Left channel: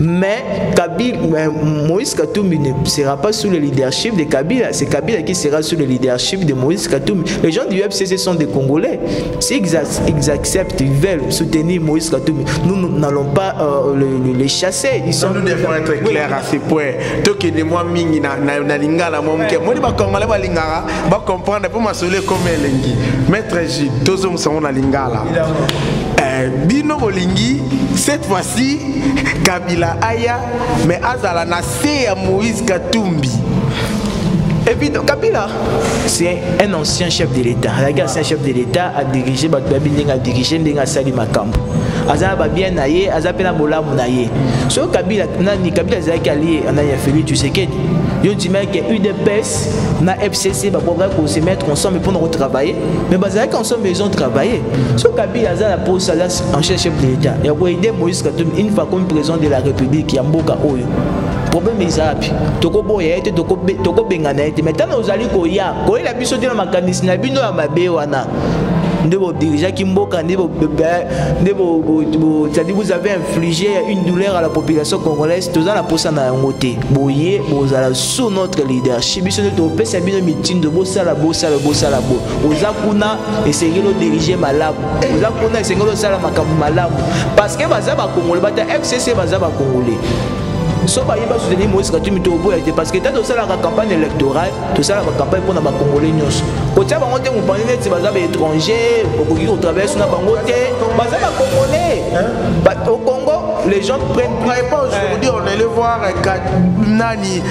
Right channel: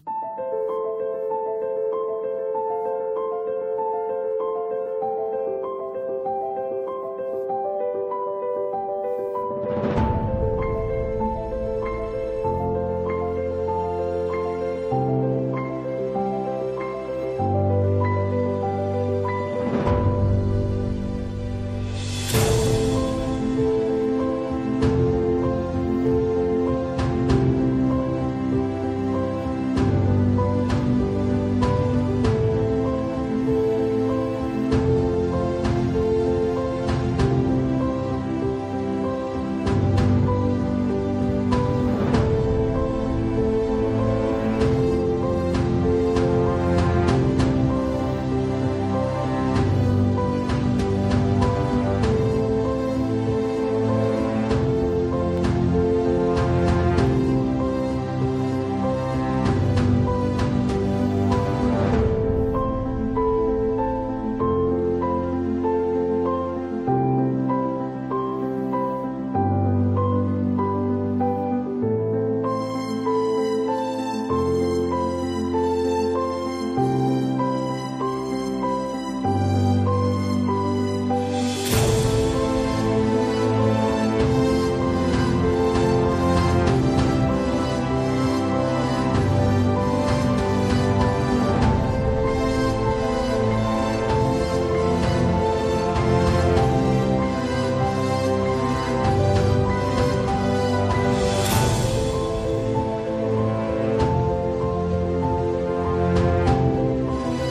Mais Moïse Katumbi ne sera pas sous le leadership de Kabila. C'est Kabila qui sera sous le leadership de Moïse Katumbi. Les gens du FCC sont des Congolais. S'ils acceptent, ils veulent soutenir Moïse Katumbi, nous n'allons pas les chasser. Nous devons être clairs à ce point. Toki de moi mingi na lingala monke. Moi ba kongala ba lingara ba comprendre pour m'assurer comme elengi. Maître J, tous hommes sont na lingala. Bino Olingi, cette fois-ci, Kabila Aya, mais Azala Nassé à Moïse Katumbi. Évidemment, Kabila, c'est un ancien chef de l'État. Un chef de l'État a dirigé, a dirigé Sali Makambo. Azala bien naïe, Azapena Bola Mounaye. So Kabila, Kabila Zaki allié, on a fait tu sais que il dit que UDPS, na FCC, pour se mettre ensemble pour nous travailler. Mais Bazaki ensemble, ils ont travaillé. So Kabila Azala pour ça, ancien chef de l'État. Il a aidé Moïse Katumbi une fois comme président de la République qui a Mboka Oyo. Problème est zapi. Toko boya ete toko bengana ete. Maintenant nous allons koya. Koya la biso de la makanisi na bino ya mabe wana. Ndebo dirigeant qui mboka ndebo c'est-à-dire vous avez infligé une douleur à la population congolaise. Tous la posa na ngote. Boye bozala sous notre leadership. Biso ne to pesa bino meeting de bosala bo. Oza kuna essayer de diriger malamu. Oza kuna essayer de sala makambo malamu. Parce que baza ba Congolais, ba FCC baza ba Congolais. So ba yeba soutenir Moïse Katumbi parce que dans la campagne électorale, tout ça la campagne pour na ba Congolais nyos. Ko tia ba ngote mo parler net baza ba étranger, au travers na ba ngote, baza ba Congolais. Au Congo, les gens prennent aujourd'hui on allait voir Nani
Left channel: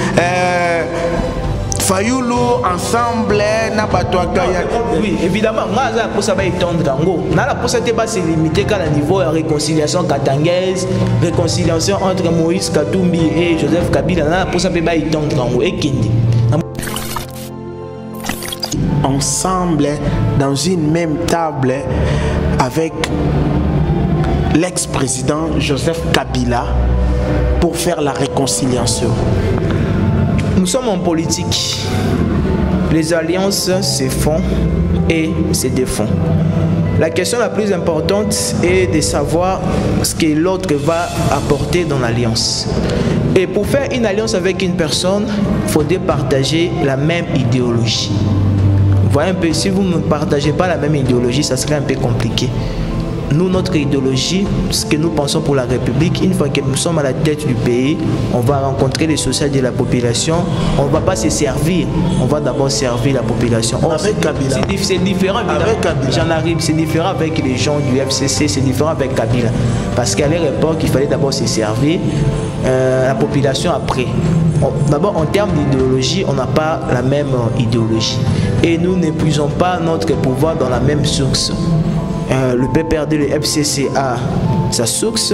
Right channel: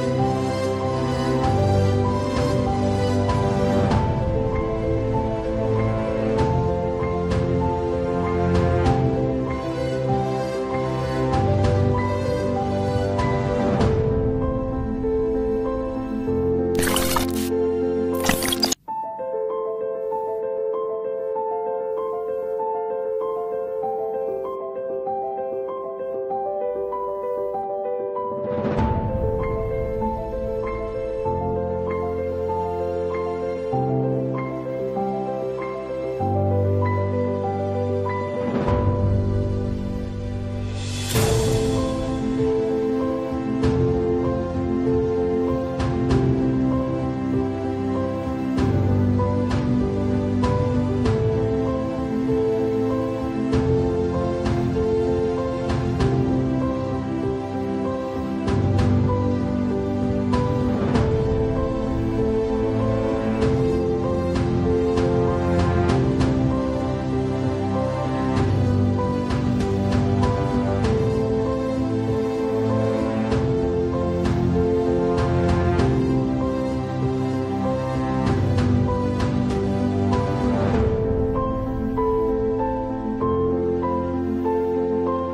Fayoulou ensemble na Batouakaya. Oui, évidemment, moi pour ça va étendre Gango. Na la pour ça pas se limiter qu'à la niveau de réconciliation katangaise, réconciliation entre Moïse Katumbi et Joseph Kabila. Na pour ça va étendre Gango et Kindi. Ensemble dans une même table avec l'ex-président Joseph Kabila pour faire la réconciliation. Nous sommes en politique. Les alliances se font et se défont. La question la plus importante est de savoir ce que l'autre va apporter dans l'alliance. Et pour faire une alliance avec une personne, il faudrait partager la même idéologie. Vous voyez un peu, si vous ne partagez pas la même idéologie, ça serait un peu compliqué. Nous, notre idéologie, ce que nous pensons pour la République, une fois que nous sommes à la tête du pays, on va rencontrer les sociétés de la population, on ne va pas se servir, on va d'abord servir la population. Avec Kabila. C'est différent avec Kabila. J'en arrive, c'est différent avec les gens du FCC, c'est différent avec Kabila. Parce qu'à l'époque, il fallait d'abord se servir la population après. D'abord, en termes d'idéologie, on n'a pas la même idéologie. Et nous n'épuisons pas notre pouvoir dans la même source. Le PPRD, le FCC a sa source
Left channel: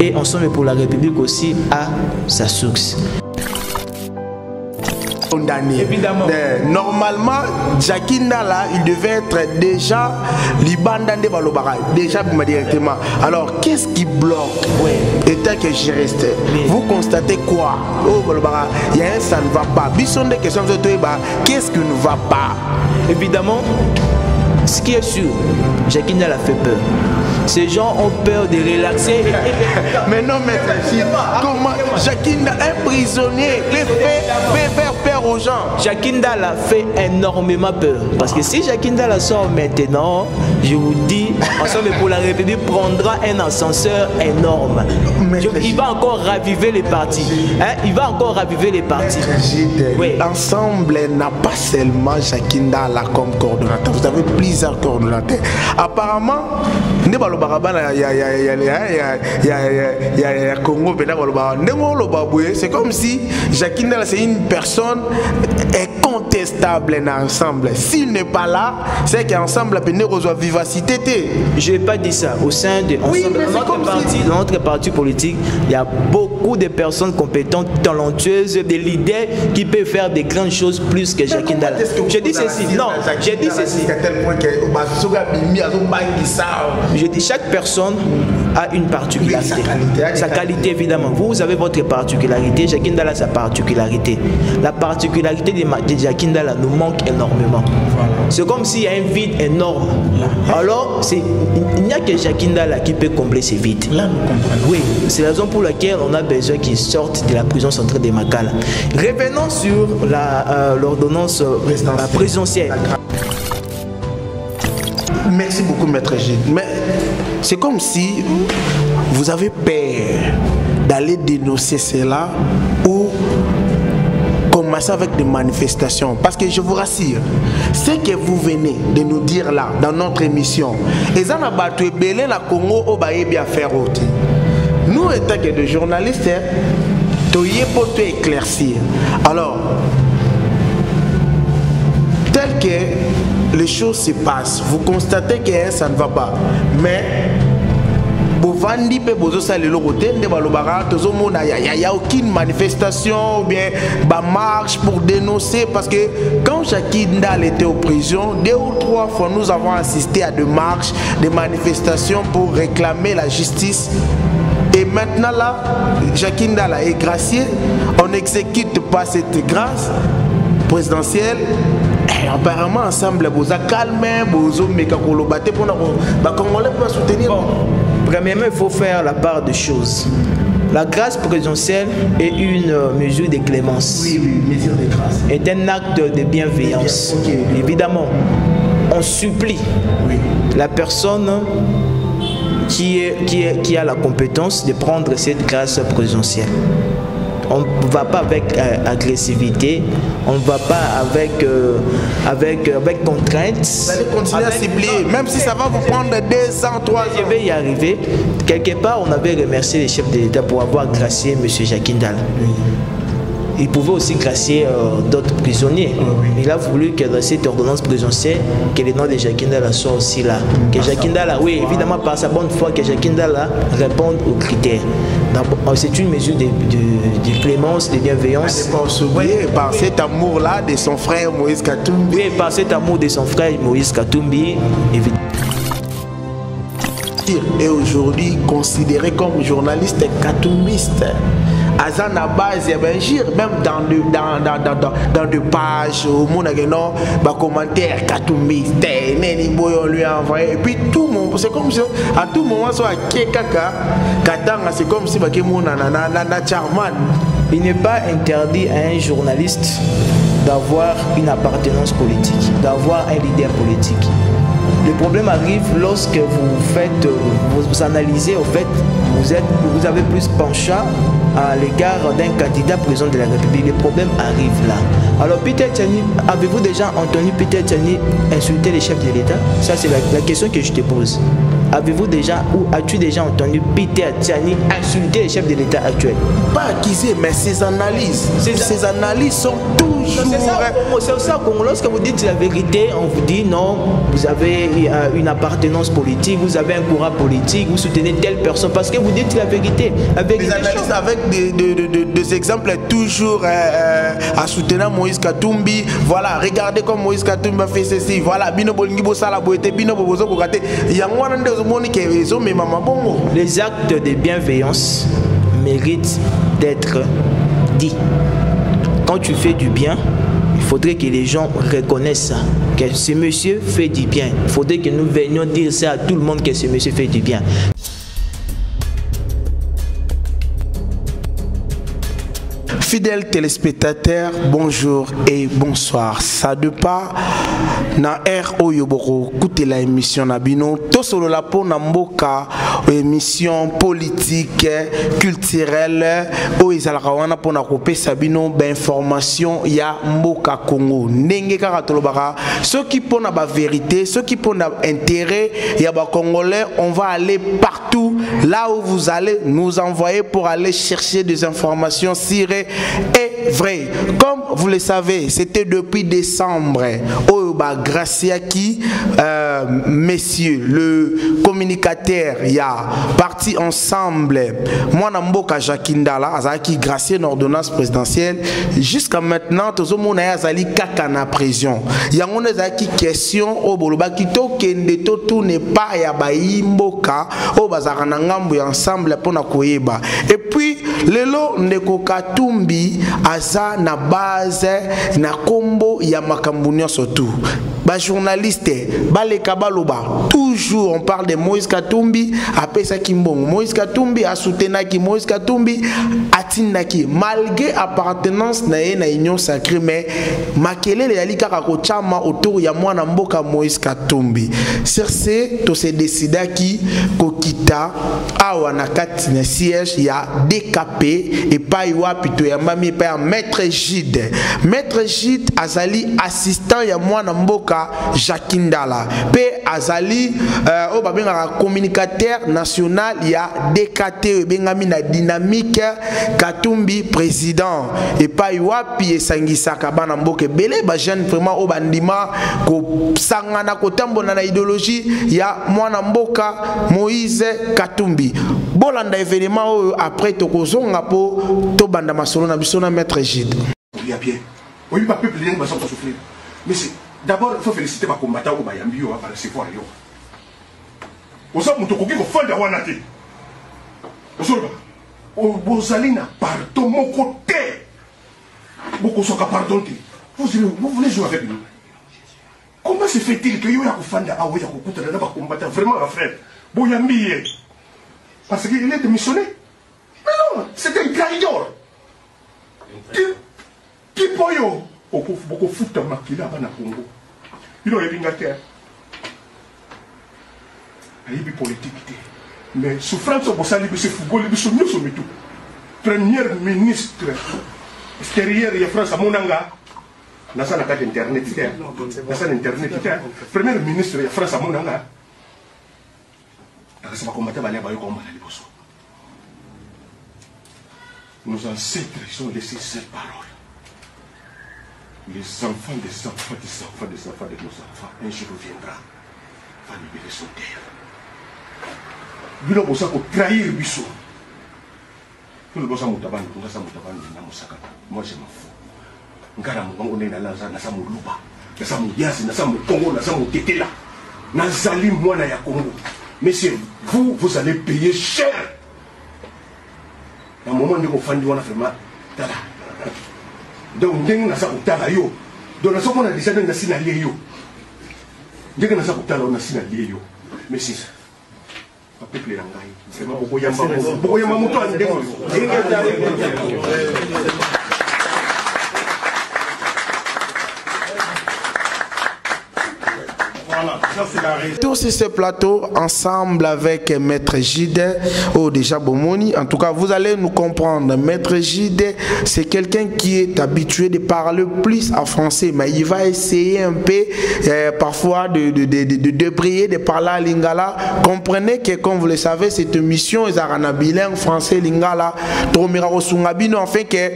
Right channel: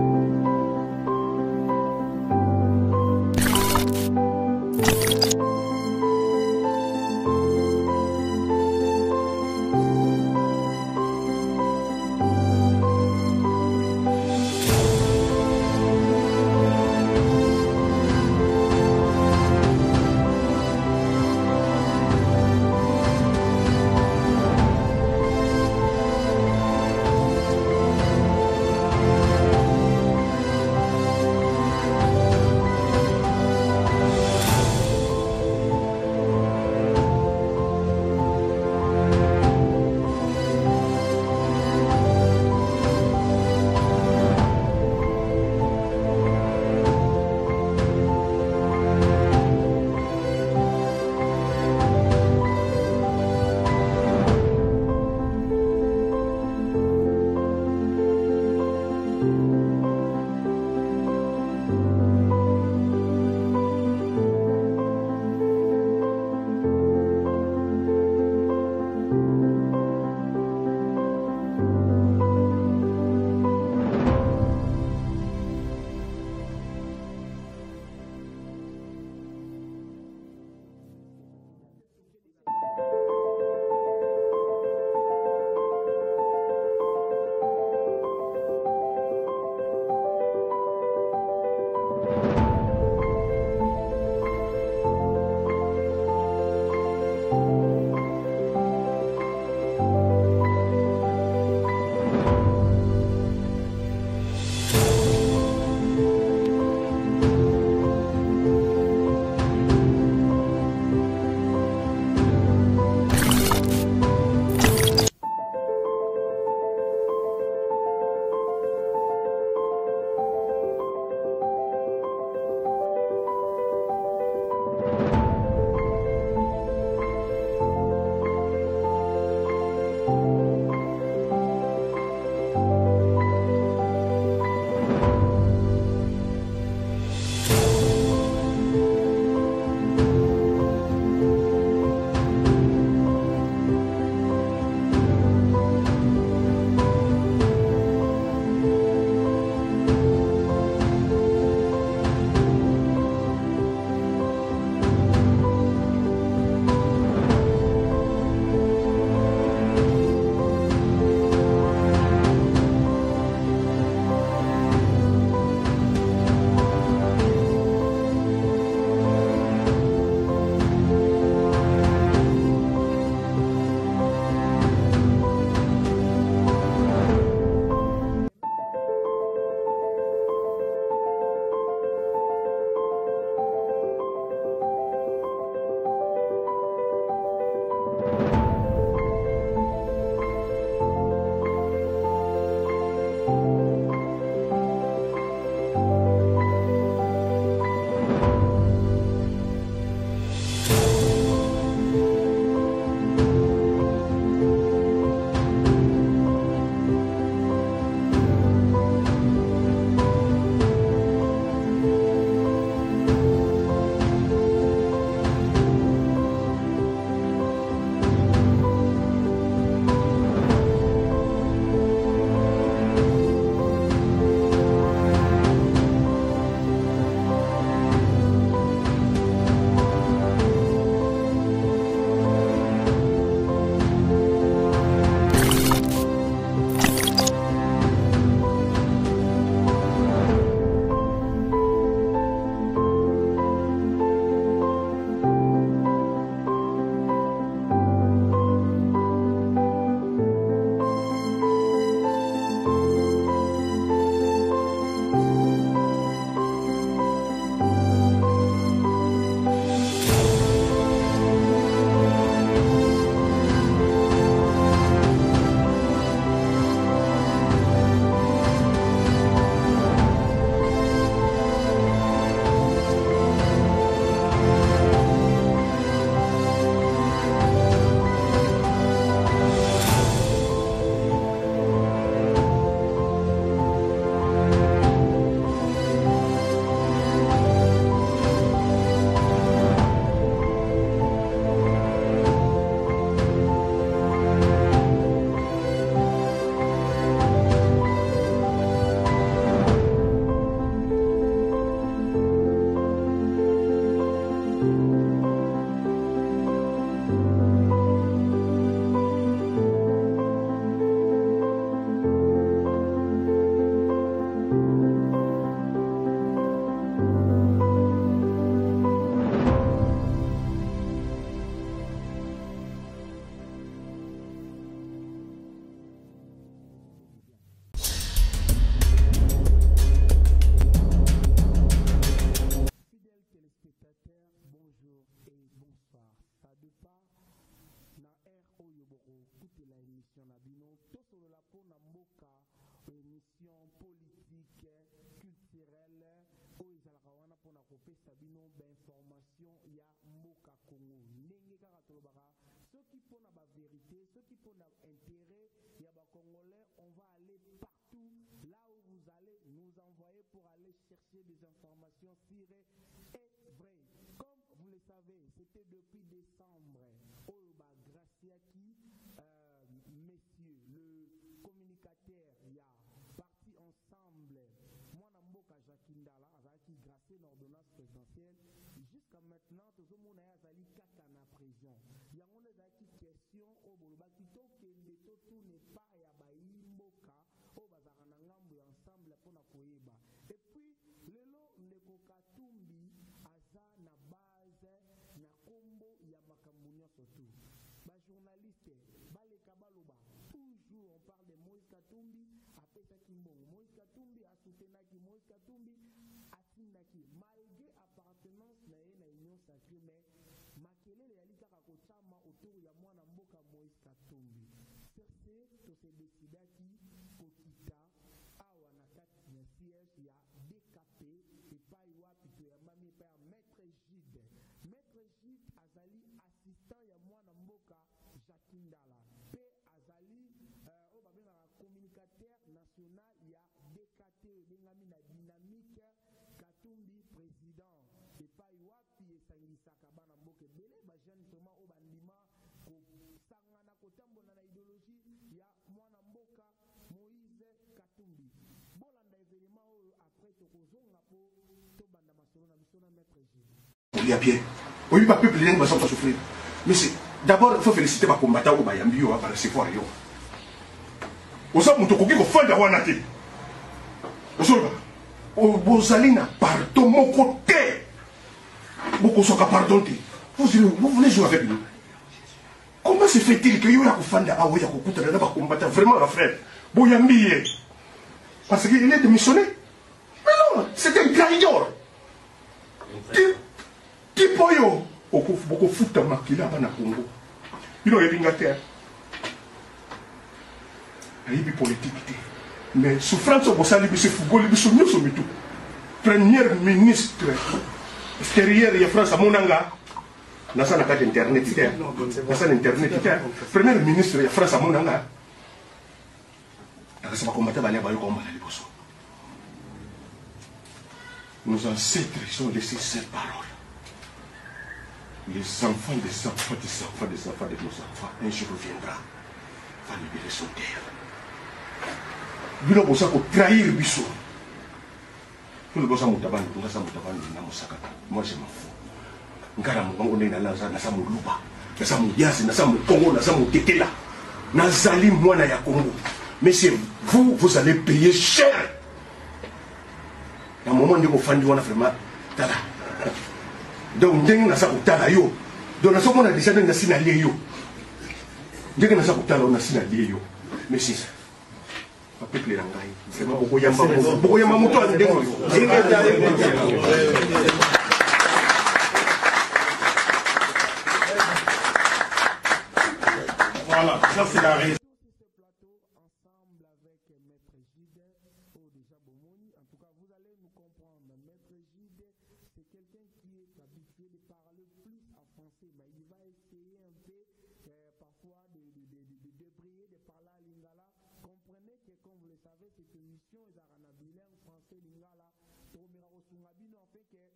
et Ensemble pour la République aussi a sa source. Évidemment. Normalement, Jackie Nala, il devait être déjà Libanda de Balobara, déjà directement. Alors, qu'est-ce qui bloque? Et tel que je reste, vous constatez quoi? Oh, Balobara, il y a un ça ne va pas. Bisson des questions de toi, qu'est-ce qui ne va pas? Évidemment, ce qui est sûr, Jackie Nala fait peur. Ces gens ont peur de relaxer. Mais non, mais comment Jackie Nala, un prisonnier, les fait faire peur aux gens. Jackie Nala fait énormément peur. Parce que si Jackie Nala sort maintenant, je vous dis, Ensemble pour la République prendra un ascenseur énorme. Il va encore raviver les partis. Hein? Il va encore raviver les partis. Oui. L'ensemble n'a pas seulement Jackie Nala comme coordonnateur. Vous avez plusieurs coordonnateurs. Apparemment, il y a Congo, c'est comme si Jackie Nala c'est une personne incontestable ensemble. S'il n'est pas là, c'est qu'ensemble il reçoit vivacité. Je n'ai pas dit ça. Au sein de dans notre parti politique, il y a beaucoup de personnes compétentes, talentueuses, des leaders qui peuvent faire des grandes choses plus que Jackie Nala. Je dis ceci. Non, j'ai dit ceci. Je dis chaque personne a une particularité. Sa qualité, évidemment. Vous avez votre particularité, Jackie Ndala a sa particularité. La particularité de Jackie Ndala nous manque énormément. C'est comme s'il y a un vide énorme. Alors, il n'y a que Jackie Ndala qui peut combler ce vide. Là, nous comprenons. Oui, c'est la raison pour laquelle on a besoin qu'ils sortent de la prison centrale de Makala. Revenons sur l'ordonnance présidentielle. Merci beaucoup, Maître G. Mais c'est comme si vous avez peur d'aller dénoncer cela ou commencer avec des manifestations. Parce que je vous rassure, ce que vous venez de nous dire là, dans notre émission, et ça n'a pas été belé la Congo au Baye bien faire autre. Nous, étant que des journalistes, tu y es pour te éclaircir. Alors, tel que les choses se passent, vous constatez que ça ne va pas. Mais, il n'y a aucune manifestation ou bien marche pour dénoncer. Parce que quand Jackie Ndala était en prison, 2 ou 3 fois, nous avons assisté à des marches, des manifestations pour réclamer la justice. Et maintenant là, Jackie Ndala est gracié, on n'exécute pas cette grâce présidentielle. Et apparemment, ensemble, vous avez calmé, vous avez battu pour nous soutenir. Premièrement, il faut faire la part des choses. La grâce présidentielle est une mesure de clémence. Oui, mesure de grâce. Est un acte de bienveillance. Okay. Évidemment, on supplie la personne qui a la compétence de prendre cette grâce présidentielle. On ne va pas avec agressivité, on ne va pas avec contraintes. Vous allez continuer à supplier, même si ça va vous prendre 200, 300. Je vais y arriver. Quelque part, on avait remercié les chefs de l'État pour avoir gracié M. Jackie Ndala. Il pouvait aussi gracier d'autres prisonniers. Il a voulu que dans cette ordonnance présidentielle, que le nom de Jackie Ndala soit aussi là. Que Jackie Ndala, oui, évidemment par sa bonne foi, que Jackie Ndala réponde aux critères. C'est une mesure de clémence, de bienveillance. Par cet amour-là de son frère Moïse Katumbi. Oui, par cet amour de son frère Moïse Katumbi, évidemment. Et aujourd'hui considéré comme journaliste katumbiste. À la base, il y avait même dans des pages, au monde a commentaire katumbiste, on lui a envoyé. Et puis tout le monde, c'est comme si à tout moment, c'est comme si il n'est pas interdit à un journaliste d'avoir une appartenance politique, d'avoir un leader politique. Le problème arrive lorsque vous analysez, en fait, vous avez plus penchant à l'égard d'un candidat président de la République. Le problème arrive là. Alors Peter Tchani, avez-vous déjà entendu Peter Tchani insulter les chefs de l'État? Ça c'est la question que je te pose. Avez-vous déjà ou as-tu déjà entendu Peter Tchani insulter les chefs de l'État actuel? Pas accusé, mais ses analyses sont toujours... C'est ça, lorsque vous dites la vérité, on vous dit non, vous avez une appartenance politique, vous avez un courant politique, vous soutenez telle personne, parce que vous dites la vérité. Les analystes avec des exemples toujours à soutenir Moïse Katumbi. Voilà, regardez comme Moïse Katumbi a fait ceci. Voilà, les actes de bienveillance méritent d'être dits. Quand tu fais du bien, il faudrait que les gens reconnaissent ça, que ce monsieur fait du bien. Il faudrait que nous venions dire ça à tout le monde, que ce monsieur fait du bien. Fidèles téléspectateurs, bonjour et bonsoir. Ça de pas na air oyoboro écoutez la émission Nabino to solo la po na mboka émission politique culturelle o ezalaka wana po na kopesa bino ba information ya mboka Congo ndenge kaka tolobaka ceux qui pona ba vérité, ceux qui pona intérêt ya ba congolais, on va aller partout là où vous allez nous envoyer pour aller chercher des informations sûres et vraies. Comme vous le savez, c'était depuis décembre Graciaki, messieurs, le communicateur, il y a parti ensemble. Moi, Namboka Jakindala, Azaki gracié une ordonnance présidentielle. Jusqu'à maintenant, tout le monde a Azali Kakana prison. Il y a une question au Boloba Kito Kende tout n'est pas Yabaï Mboka au Bazaranangambu ensemble pour na koyeba. Et puis, lelo ndeko Katumbi aza na base na kombo ya makambunyo surtout. Ba journaliste, ba le kabaloba, toujours on parle de Moïse Katumbi, après ça Kimbongo. Moïse Katumbi a soutenu Moïse Katumbi atinaki malgré appartenance na union sacrée, mais makelele yali kaka ko chama autour ya mwana mboka Moïse Katumbi. Sur ce, to se décida ki kokita awa na kati na siège ya décapé et pas yoa pito ya mami pa maître Gide. Maître Gide azali assistant ya mwana mboka Jakindala. Pe azali o babenga communicateur national ya DKT bengami na dynamique Katumbi président et pas yoapi esangisaka bana mboka belé ba jeune vraiment o bandima ko sangana ko tambona na idéologie ya mwana mboka Moïse Katumbi. Bolanda événement après tokozonga po to banda masolo na biso na maître Gide. Il y a bien. Oui, pas peuple va souffrir. Mais d'abord il faut féliciter ma combattant au Bayambi par ce fois yo. Osa muto koki ko fanda wana te. Osolba. O bozalina pardon mon côté. Beaucoup sont pardon te. Vous voulez jouer avec nous? Comment se fait-il que yo ya ko fanda awo ya ko kutana na ba combattant vraiment la frère Boyambi parce qu'il est démissionné. Mais non, c'est un trahidor. Qui poyo beaucoup futa makila bana Congo. Il a une terre. Il y a politique. Mais souffrance au Bossali, c'est Fougo, c'est tout. Premier ministre extérieur de France à Monanga. Dans sa carte internet, premier ministre de France à Monanga. Nos ancêtres ont laissé cette parole. Les enfants des enfants des enfants des enfants de nos enfants, un jour viendra, va libérer son terre. Nous avons besoin de trahir Bissou. Nous avons besoin de trahir Bissou. Moi je m'en fous. Nous avons besoin de trahir Bissou. Mais c'est vous, vous allez payer cher. À un moment où vous faites vraiment. Donc, dès que nous avons dit yo, donc nous avons dit que nous avons dit yo. Dès que nous avons dit que nous avons dit yo, mais c'est ça. Peuple l'angai. Vraiment beaucoup yamba muto andeko. Tous sur ce plateau, ensemble avec Maître Gide, déjà Bomoni. En tout cas, vous allez nous comprendre. Maître Gide, c'est quelqu'un qui est habitué de parler plus en français, mais il va essayer un peu, parfois, de débrayer, de parler à Lingala. Comprenez que, comme vous le savez, cette émission est en bilingue français Lingala. Enfin que,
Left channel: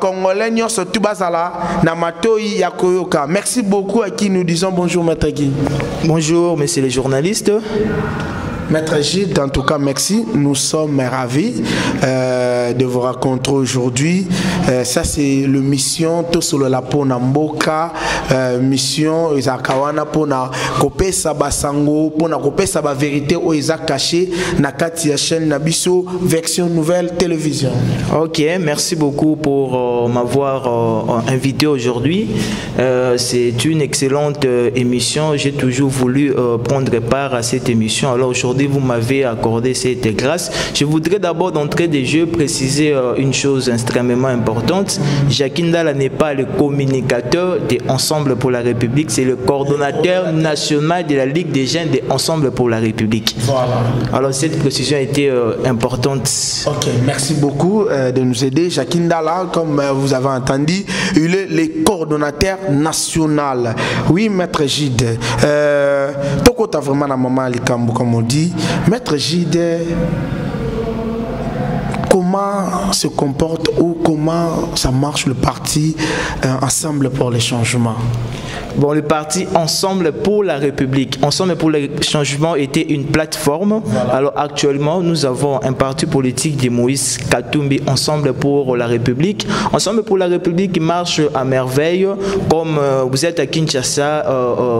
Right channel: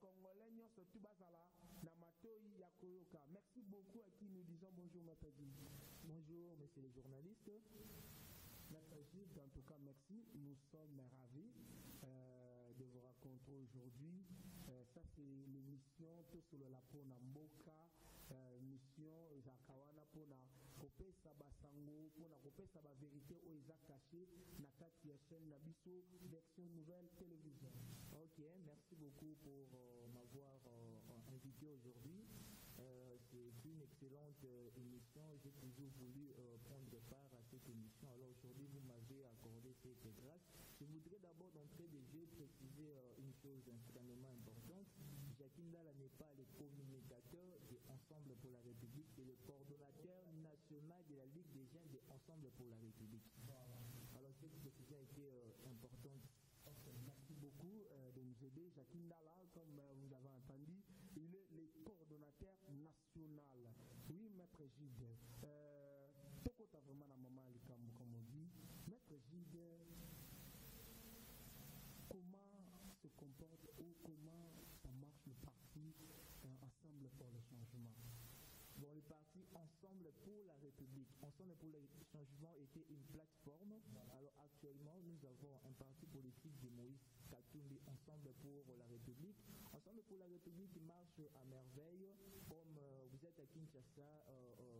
Congolais, surtout Basala, Namatoi Yakoyoka. Merci beaucoup à qui nous disons bonjour, Maître Gide. Bonjour, messieurs les journalistes. Maître Gide, en tout cas, merci. Nous sommes ravis de vous rencontrer aujourd'hui. Ça, c'est le mission Tosolo la Pona Mboka, mission Izakawana Pona Kopesa Basango, Pona Kopesa Ba vérité au Isaac caché, Nakati ya chaîne Nabiso, version nouvelle télévision. Ok, merci beaucoup pour m'avoir invité aujourd'hui. C'est une excellente émission. J'ai toujours voulu prendre part à cette émission. Alors aujourd'hui, vous m'avez accordé cette grâce. Je voudrais d'abord d'entrée des jeux préciser une chose extrêmement importante. Jakindala n'est pas le communicateur de Ensemble pour la République, c'est le coordonnateur national de la Ligue des jeunes de Ensemble pour la République. Voilà. Alors cette précision a été importante. Ok, merci beaucoup de nous aider. Jakindala, comme vous avez entendu, il est le coordonnateur national. Oui, Maître Gide. Toko ta vraiment la maman Likambo, comme on dit. Maître Gide, comment se comporte ou comment ça marche le parti Ensemble pour les changements? Bon, le parti Ensemble pour la République. Ensemble pour le changement était une plateforme. Voilà. Alors actuellement, nous avons un parti politique de Moïse Katumbi, Ensemble pour la République. Ensemble pour la République marche à merveille. Comme vous êtes à Kinshasa,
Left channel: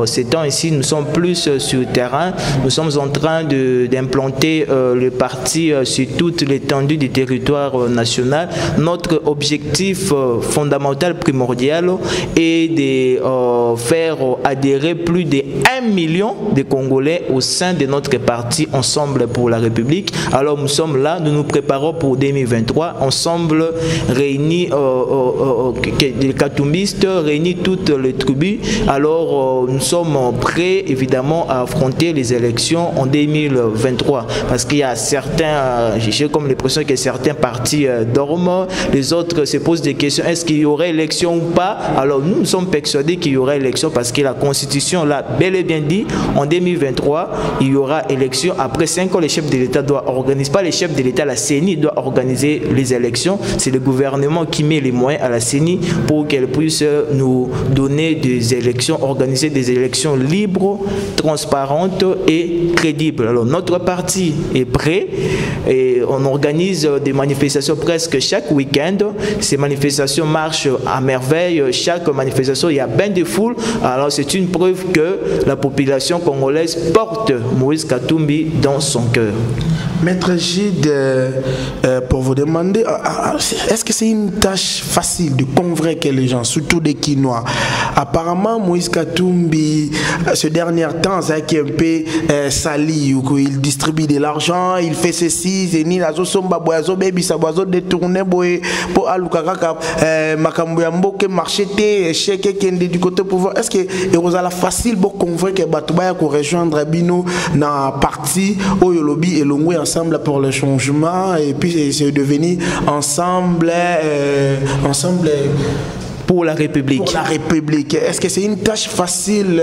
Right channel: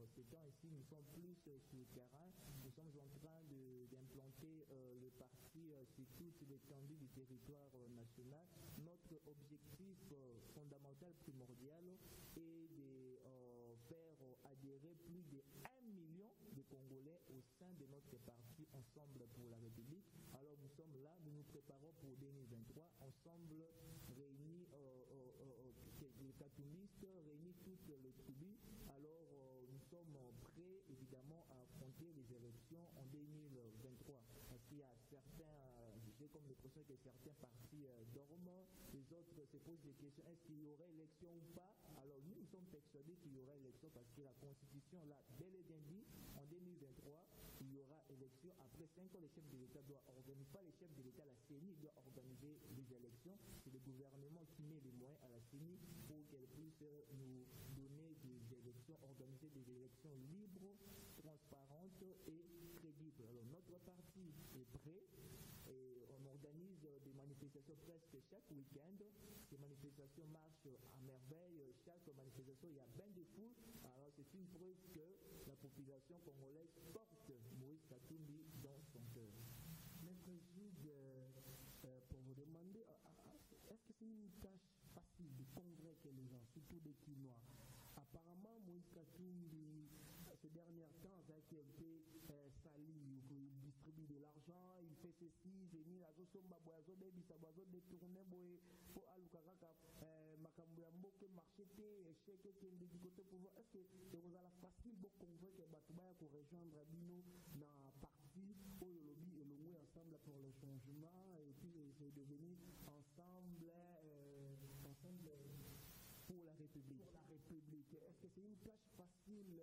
ces temps ici, nous sommes plus sur le terrain. Nous sommes en train d'implanter le parti sur toute l'étendue du territoire national. Notre objectif fondamental, primordial, est de faire adhérer plus de 1 million de Congolais au sein de notre parti Ensemble pour la République. Alors nous sommes là, nous nous préparons pour 2023, ensemble réunis, les katumbistes, réunis toutes les tribus. Alors nous sommes prêts évidemment à affronter les élections en 2023 parce qu'il y a certains, j'ai comme l'impression que certains partis dorment, les autres se posent des questions, est-ce qu'il y aurait élection ou pas? Alors nous sommes persuadés qu'il y aura élection parce que la Constitution l'a bel et bien dit, en 2023 il y aura élection. Après 5 ans, les chefs de l'État doivent organiser, pas les chefs de l'État, la CENI doit organiser les élections. C'est le gouvernement qui met les moyens à la CENI pour qu'elle puisse nous donner des élections, organiser des élections libres, transparentes et crédibles. Alors notre parti est prêt et on organise des manifestations presque chaque week-end. Ces manifestations marchent à merveille. Chaque manifestation, il y a bien de foules. Alors c'est une preuve que la population congolaise porte Moïse Katumbi dans son cœur. Maître Gide, pour vous demander, est-ce que c'est une tâche facile de convaincre les gens, surtout des Kinois? Apparemment, Moïse Katumbi, ce dernier temps, c'est un peu sali, il distribue de l'argent, il fait ceci, c'est ni la somba boazo baby sa boazo détourné boy pour alukaka makambo ya mboke marcheté chèque kende du côté pouvoir. Est-ce que vous avez facile pour convaincre Batouba pour rejoindre Bino dans parti Oyolobi et Longwe Ensemble pour le changement et puis c'est devenu ensemble pour la République. Pour la République. Est-ce que c'est une tâche facile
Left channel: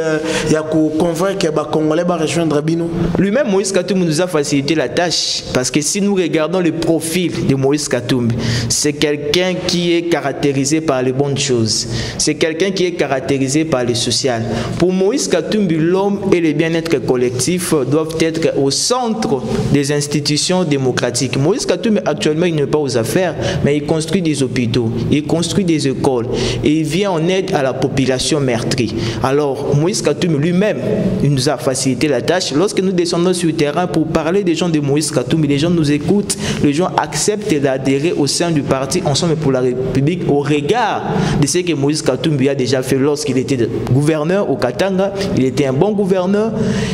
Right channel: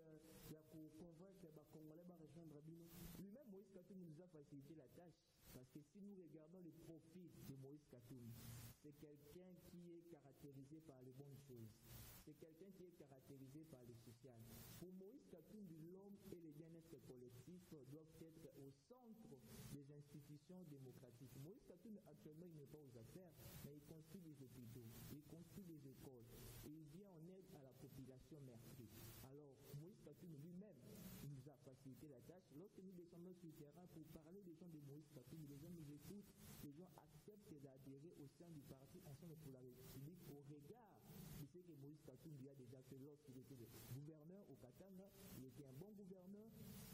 de convaincre que les Congolais vont rejoindre Bino? Lui-même, Moïse Katumbi nous a facilité la tâche parce que si nous regardons le profil de Moïse Katumbi, c'est quelqu'un qui est caractérisé par les bonnes choses. C'est quelqu'un qui est caractérisé par le social. Pour Moïse Katumbi, l'homme et le bien-être collectif doivent être au centre des institutions démocratiques. Moïse Katumbi, actuellement, il n'est pas aux affaires, mais il construit des hôpitaux, il construit des écoles. Et il vient en aide à la population meurtrie. Alors, Moïse Katumbi lui-même, il nous a facilité la tâche. Lorsque nous descendons sur le terrain pour parler des gens de Moïse Katumbi, les gens nous écoutent, les gens acceptent d'adhérer au sein du parti Ensemble pour la République au regard de ce que Moïse Katumbi a déjà fait lorsqu'il était gouverneur au Katanga. Il était un bon gouverneur.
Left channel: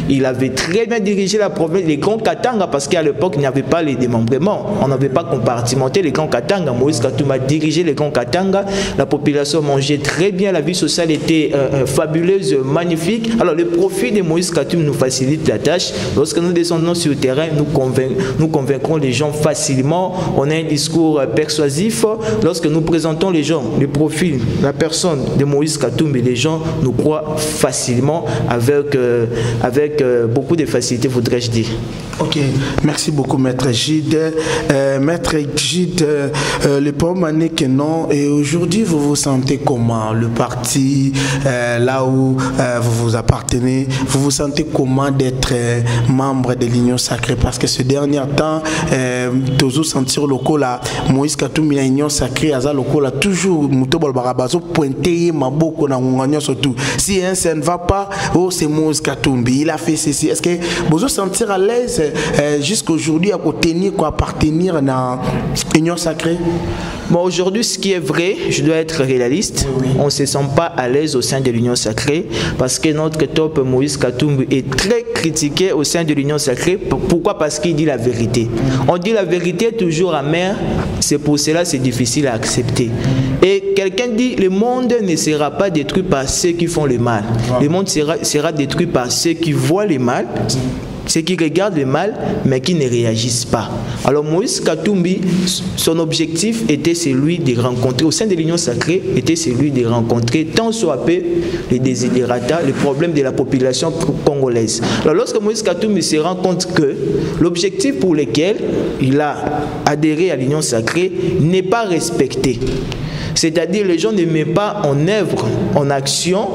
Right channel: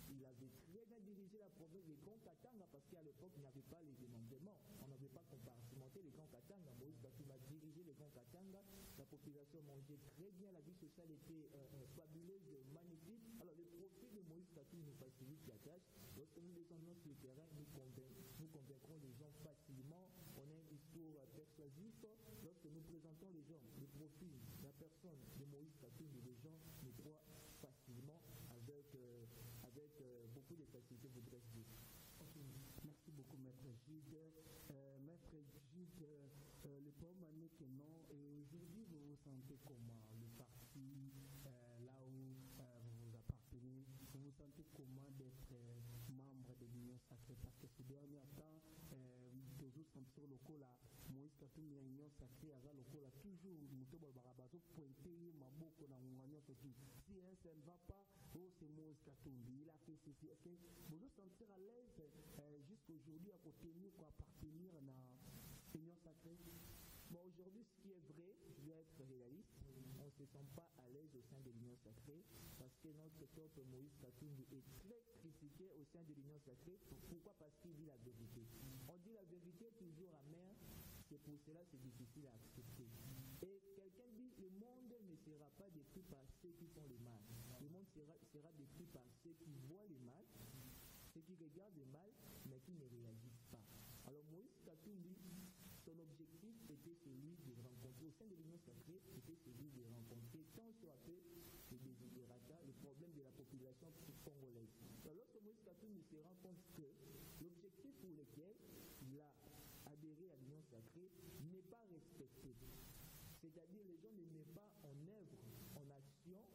Il avait très bien dirigé la province, les grands Katanga, parce qu'à l'époque, il n'y avait pas les démembrements. On n'avait pas compartimenté les grands Katanga. Moïse Katumbi a dirigé les grands Katanga. La population mangeait très bien, la vie sociale était fabuleuse, magnifique. Alors le profil de Moïse Katumbi nous facilite la tâche. Lorsque nous descendons sur le terrain, nous convaincrons les gens facilement. On a un discours persuasif. Lorsque nous présentons les gens, le profil, la personne de Moïse Katumbi, les gens nous croient facilement avec beaucoup de facilité, voudrais-je dire. Ok, merci beaucoup Maître Gide. Maître Gide, le problème est que non. Et aujourd'hui, vous vous sentez comment? Le parti, là où vous vous appartenez, vous vous sentez comment d'être membre de l'Union Sacrée? Parce que ce dernier temps, toujours sentir le coup là, Moïse Katumbi à l'Union Sacrée, à le coup là, toujours, Moutobo Barabazo, pointé, Maboko, Nangunganyo surtout. Si ça ne va pas, oh, c'est Moïse Katumbi, il a fait ceci. Est-ce que vous vous sentir à l'aise jusqu'aujourd'hui à tenir, à appartenir à l'Union Sacrée? Bon, aujourd'hui, ce qui est vrai, je dois être réaliste, on ne se sent pas à l'aise au sein de l'Union Sacrée parce que notre top Moïse Katumbi est très critiqué au sein de l'Union Sacrée. Pourquoi? Parce qu'il dit la vérité. On dit la vérité toujours amère, c'est pour cela que c'est difficile à accepter. Et quelqu'un dit, le monde ne sera pas détruit par ceux qui font le mal. Le monde sera détruit par ceux qui voient le mal, ceux qui regardent le mal, mais qui ne réagissent pas. Alors Moïse Katumbi, son objectif était celui de rencontrer, au sein de l'Union Sacrée, était celui de rencontrer tant soit peu les désidérata, les problèmes de la population congolaise. Alors lorsque Moïse Katumbi se rend compte que l'objectif pour lequel il a adhéré à l'Union Sacrée n'est pas respecté, c'est-à-dire les gens ne mettent pas en œuvre, en action,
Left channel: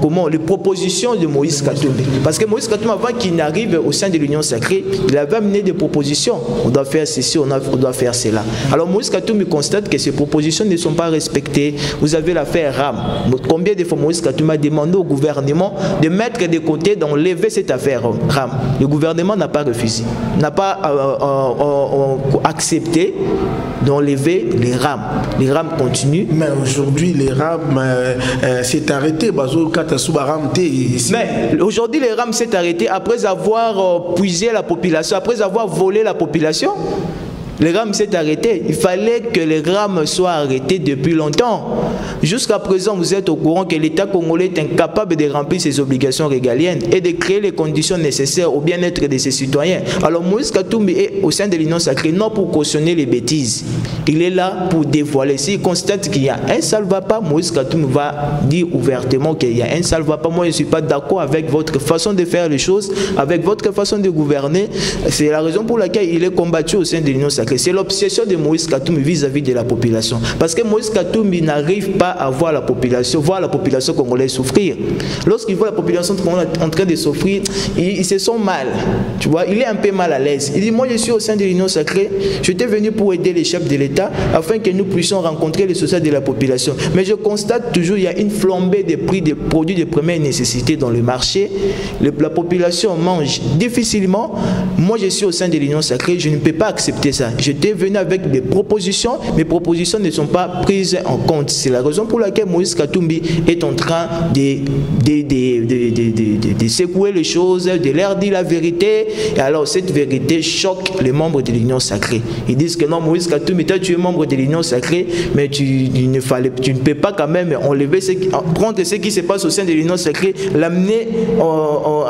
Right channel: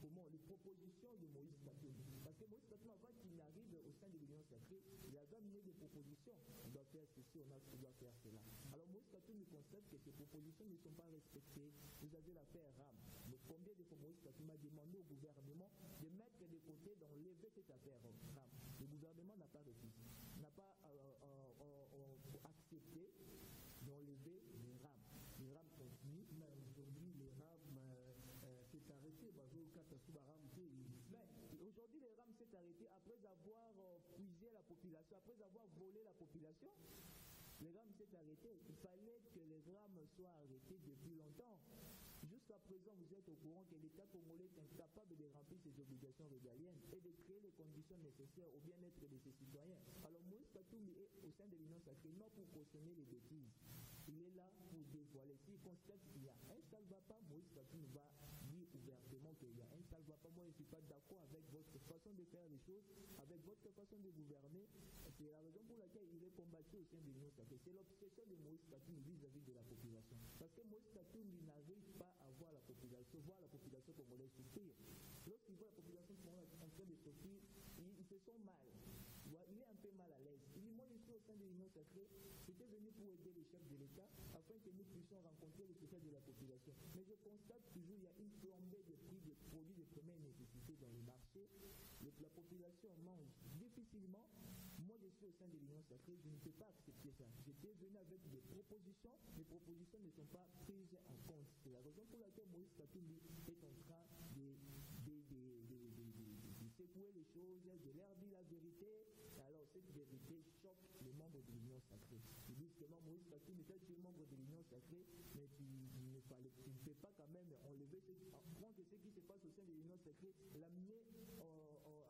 comment, les propositions de Moïse Katumbi. Parce que Moïse Katumbi, avant qu'il n'arrive au sein de l'Union sacrée, il avait amené des propositions. On doit faire ceci, on doit faire cela. Alors Moïse Katumbi constate que ces propositions ne sont pas respectées. Vous avez l'affaire RAM. Combien de fois Moïse Katumbi a demandé au gouvernement de mettre de côté, d'enlever cette affaire RAM. Le gouvernement n'a pas refusé, n'a pas accepté d'enlever les rames. Les rames continuent. Mais aujourd'hui, les rames s'est arrêté. Mais aujourd'hui, les rames s'est arrêté après avoir puisé la population, après avoir volé la population. Les rames s'est arrêté. Il fallait que les rames soient arrêtés depuis longtemps. Jusqu'à présent, vous êtes au courant que l'État congolais est incapable de remplir ses obligations régaliennes et de créer les conditions nécessaires au bien-être de ses citoyens. Alors Moïse Katumbi est au sein de l'Union sacrée, non pour cautionner les bêtises. Il est là pour dévoiler. S'il constate qu'il y a un salva-pas, Moïse Katumbi va dire ouvertement qu'il y a un salva-pas. Moi, je ne suis pas d'accord avec votre façon de faire les choses, avec votre façon de gouverner. C'est la raison pour laquelle il est combattu au sein de l'Union sacrée. C'est l'obsession de Moïse Katumbi vis-à-vis de la population. Parce que Moïse Katumbi n'arrive pas à voir la population congolaise souffrir. Lorsqu'il voit la population congolaise en train de souffrir, ils se sent mal. Tu vois, il est un peu mal à l'aise. Il dit, moi je suis au sein de l'Union sacrée, j'étais venu pour aider les chefs de l'État afin que nous puissions rencontrer les sociétés de la population. Mais je constate toujours qu'il y a une flambée des prix des produits de première nécessité dans le marché. La population mange difficilement. Moi je suis au sein de l'Union sacrée, je ne peux pas accepter ça. J'étais venu avec des propositions, mes propositions ne sont pas prises en compte. C'est la raison pour laquelle Moïse Katumbi est en train de secouer les choses, de leur dire la vérité. Et alors cette vérité choque les membres de l'Union sacrée. Ils disent que non, Moïse Katumbi, toi tu es membre de l'Union sacrée, mais tu ne peux pas quand même enlever prendre ce qui se passe au sein de l'Union sacrée, l'amener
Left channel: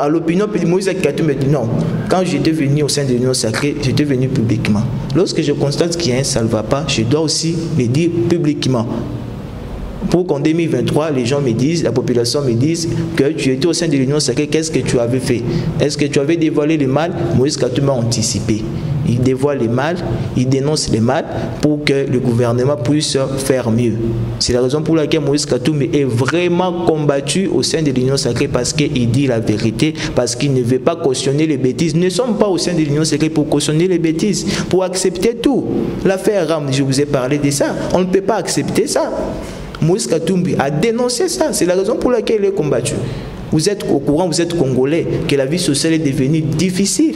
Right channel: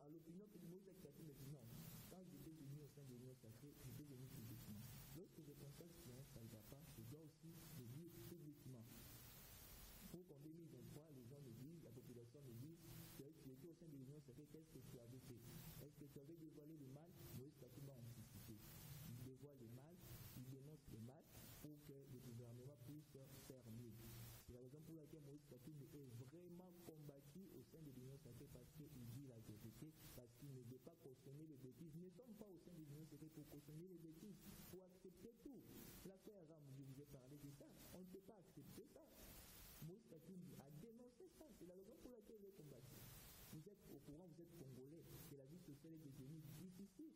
à l'opinion. Moïse Katumbi dit non. Quand j'étais venu au sein de l'Union sacrée, j'étais venu publiquement. Lorsque je constate qu'il y a un salva-pas, je dois aussi le dire publiquement. Pour qu'en 2023, les gens me disent, la population me dise que tu étais au sein de l'Union sacrée, qu'est-ce que tu avais fait? Est-ce que tu avais dévoilé le mal? Moïse Katumbi a anticipé. Il dévoile le mal, il dénonce le mal pour que le gouvernement puisse faire mieux. C'est la raison pour laquelle Moïse Katumbi est vraiment combattu au sein de l'Union sacrée parce qu'il dit la vérité, parce qu'il ne veut pas cautionner les bêtises. Nous ne sommes pas au sein de l'Union sacrée pour cautionner les bêtises, pour accepter tout. L'affaire Ram, je vous ai parlé de ça. On ne peut pas accepter ça. Moïse Katumbi a dénoncé ça. C'est la raison pour laquelle il est combattu. Vous êtes au courant, vous êtes congolais, que la vie sociale est devenue difficile.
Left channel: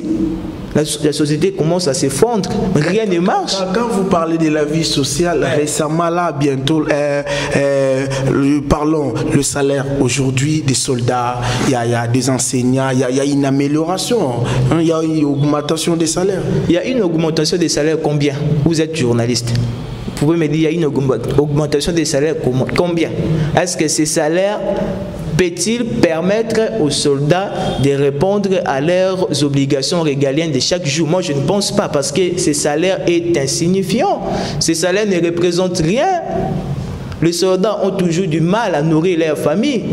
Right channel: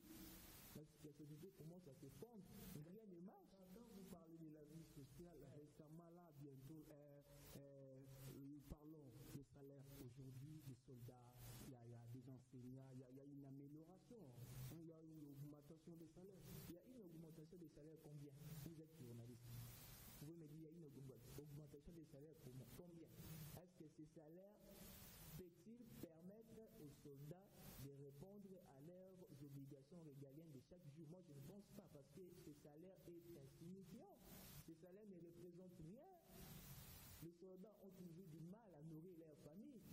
La société commence à s'effondrer, rien ne marche. Quand vous parlez de la vie sociale, récemment là, bientôt, parlons le salaire aujourd'hui des soldats, il y a des enseignants, il y a une amélioration, hein, il y a une augmentation des salaires. Il y a une augmentation des salaires combien? Vous êtes journaliste. Vous pouvez me dire, il y a une augmentation des salaires combien? Est-ce que ces salaires peut-il permettre aux soldats de répondre à leurs obligations régaliennes de chaque jour? Moi, je ne pense pas, parce que ces salaires est insignifiant. Ces salaires ne représentent rien. Les soldats ont toujours du mal à nourrir leur famille.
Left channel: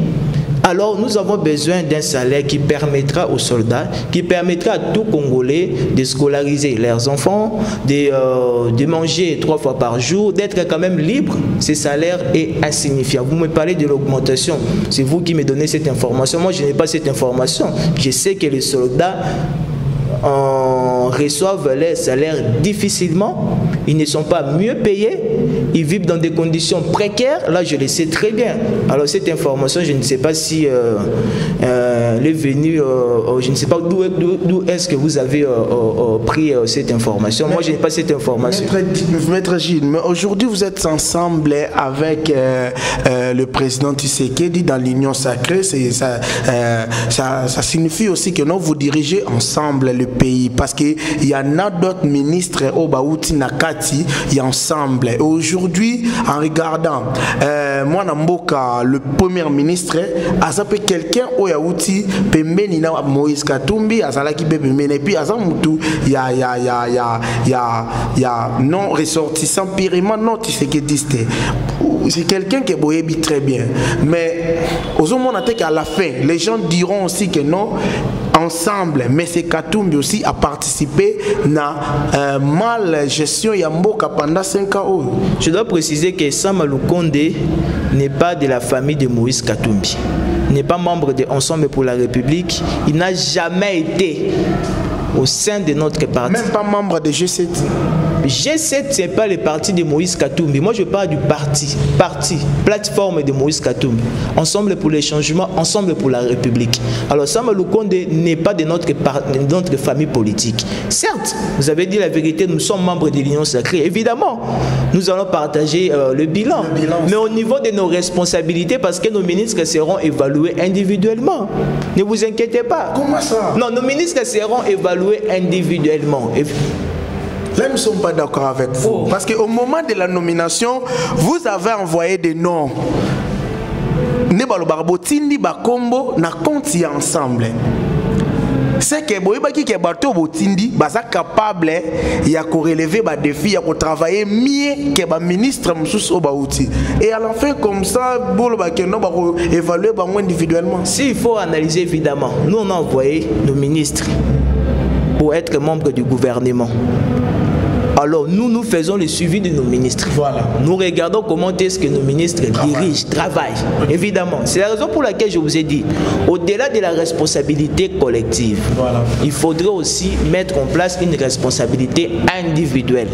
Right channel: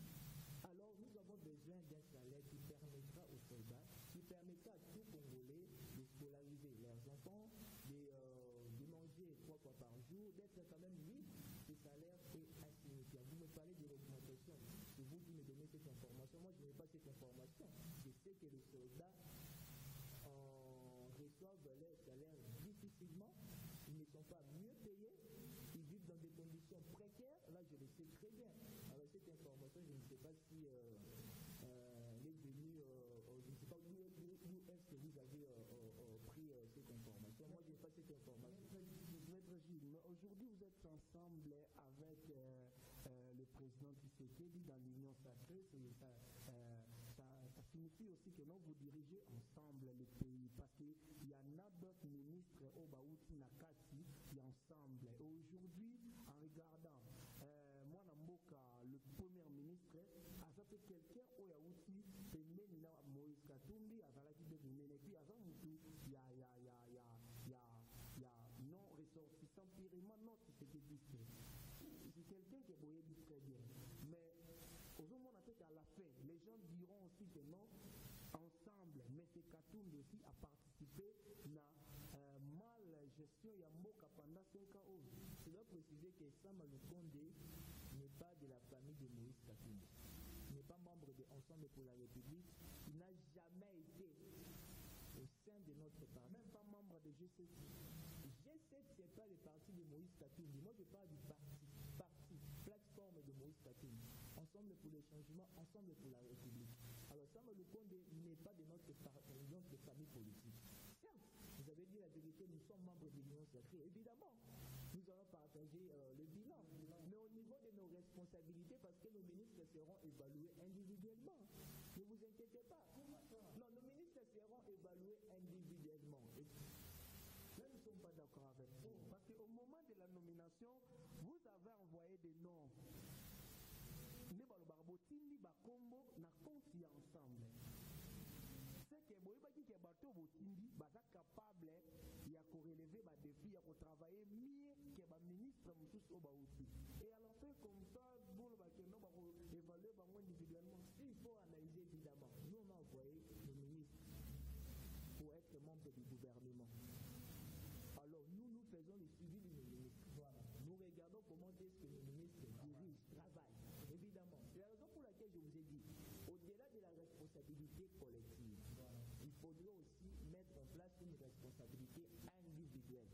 Alors, nous avons besoin d'un salaire qui permettra aux soldats, qui permettra à tout Congolais de scolariser leurs enfants, de manger 3 fois par jour, d'être quand même libre. Ce salaire est insignifiant. Vous me parlez de l'augmentation. C'est vous qui me donnez cette information. Moi, je n'ai pas cette information. Je sais que les soldats reçoivent les salaires difficilement. Ils ne sont pas mieux payés. Ils vivent dans des conditions précaires. Là, je le sais très bien. Alors, cette information, je ne sais pas si elle est venue, je ne sais pas d'où est-ce que vous avez pris cette information. Moi, je n'ai pas cette information. Maître Gilles, mais aujourd'hui, vous êtes ensemble avec le président Tshisekedi dans l'Union sacrée. Ça signifie aussi que non, vous dirigez ensemble le pays, parce qu'il y en a d'autres ministres au Baouti Nakati, il y a ensemble. Aujourd'hui, en regardant moi Namboka, le premier ministre, a sapé quelqu'un au Yaouti, Pembeni na Moïse Katumbi, a Zalaki Pembeni, et puis à Zamutu, il y a non ressortissant purement non Tshisekidiste. C'est quelqu'un qui est boébi très bien, mais aux hommes on a qu'à la fin, les gens diront aussi que non. ensemble, mais c'est Katumbi aussi a participé à mal gestion Yamboka pendant 5 ans. Je dois préciser que Sama Lukonde n'est pas de la famille de Moïse Katumbi, n'est pas membre de Ensemble pour la République, il n'a jamais été au sein de notre parti. Même pas membre de G7. G7, ce n'est pas le parti de Moïse Katumbi. Moi, je parle du parti, plateforme de Moïse Katumbi. Ensemble pour les changements, ensemble pour la République. Alors, Sama Lukonde n'est pas de notre famille politique. Certes, vous avez dit la vérité, nous sommes membres de l'Union sacrée. Évidemment, nous allons partager le bilan. Mais au niveau de nos responsabilités, parce que nos ministres seront évalués individuellement. Ne vous inquiétez pas. Comment ça? Non, nos ministres seront évalués individuellement. Là, nous ne sommes pas d'accord avec vous. Parce qu'au moment de la nomination, vous avez envoyé des noms. Nebalo Barbotindi, Bakombo, na compte ensemble. C'est que Boyebaki qui est bateau Botindi, baza capable ya ko relever ba défi, ya ko travailler mieux que ba ministre Moussous Obaouti. Et à la fin comme ça, bolo ba keno ba ko évaluer ba individuellement. S'il faut analyser évidemment, nous on a envoyé nos ministres pour être membres du gouvernement. Alors nous faisons le suivi de nos ministres. Voilà. Nous regardons comment est-ce que nos ministres dirigent, travaillent. Évidemment, c'est la raison pour laquelle je vous ai dit, au-delà de la responsabilité collective, il faudrait aussi mettre en place une responsabilité individuelle.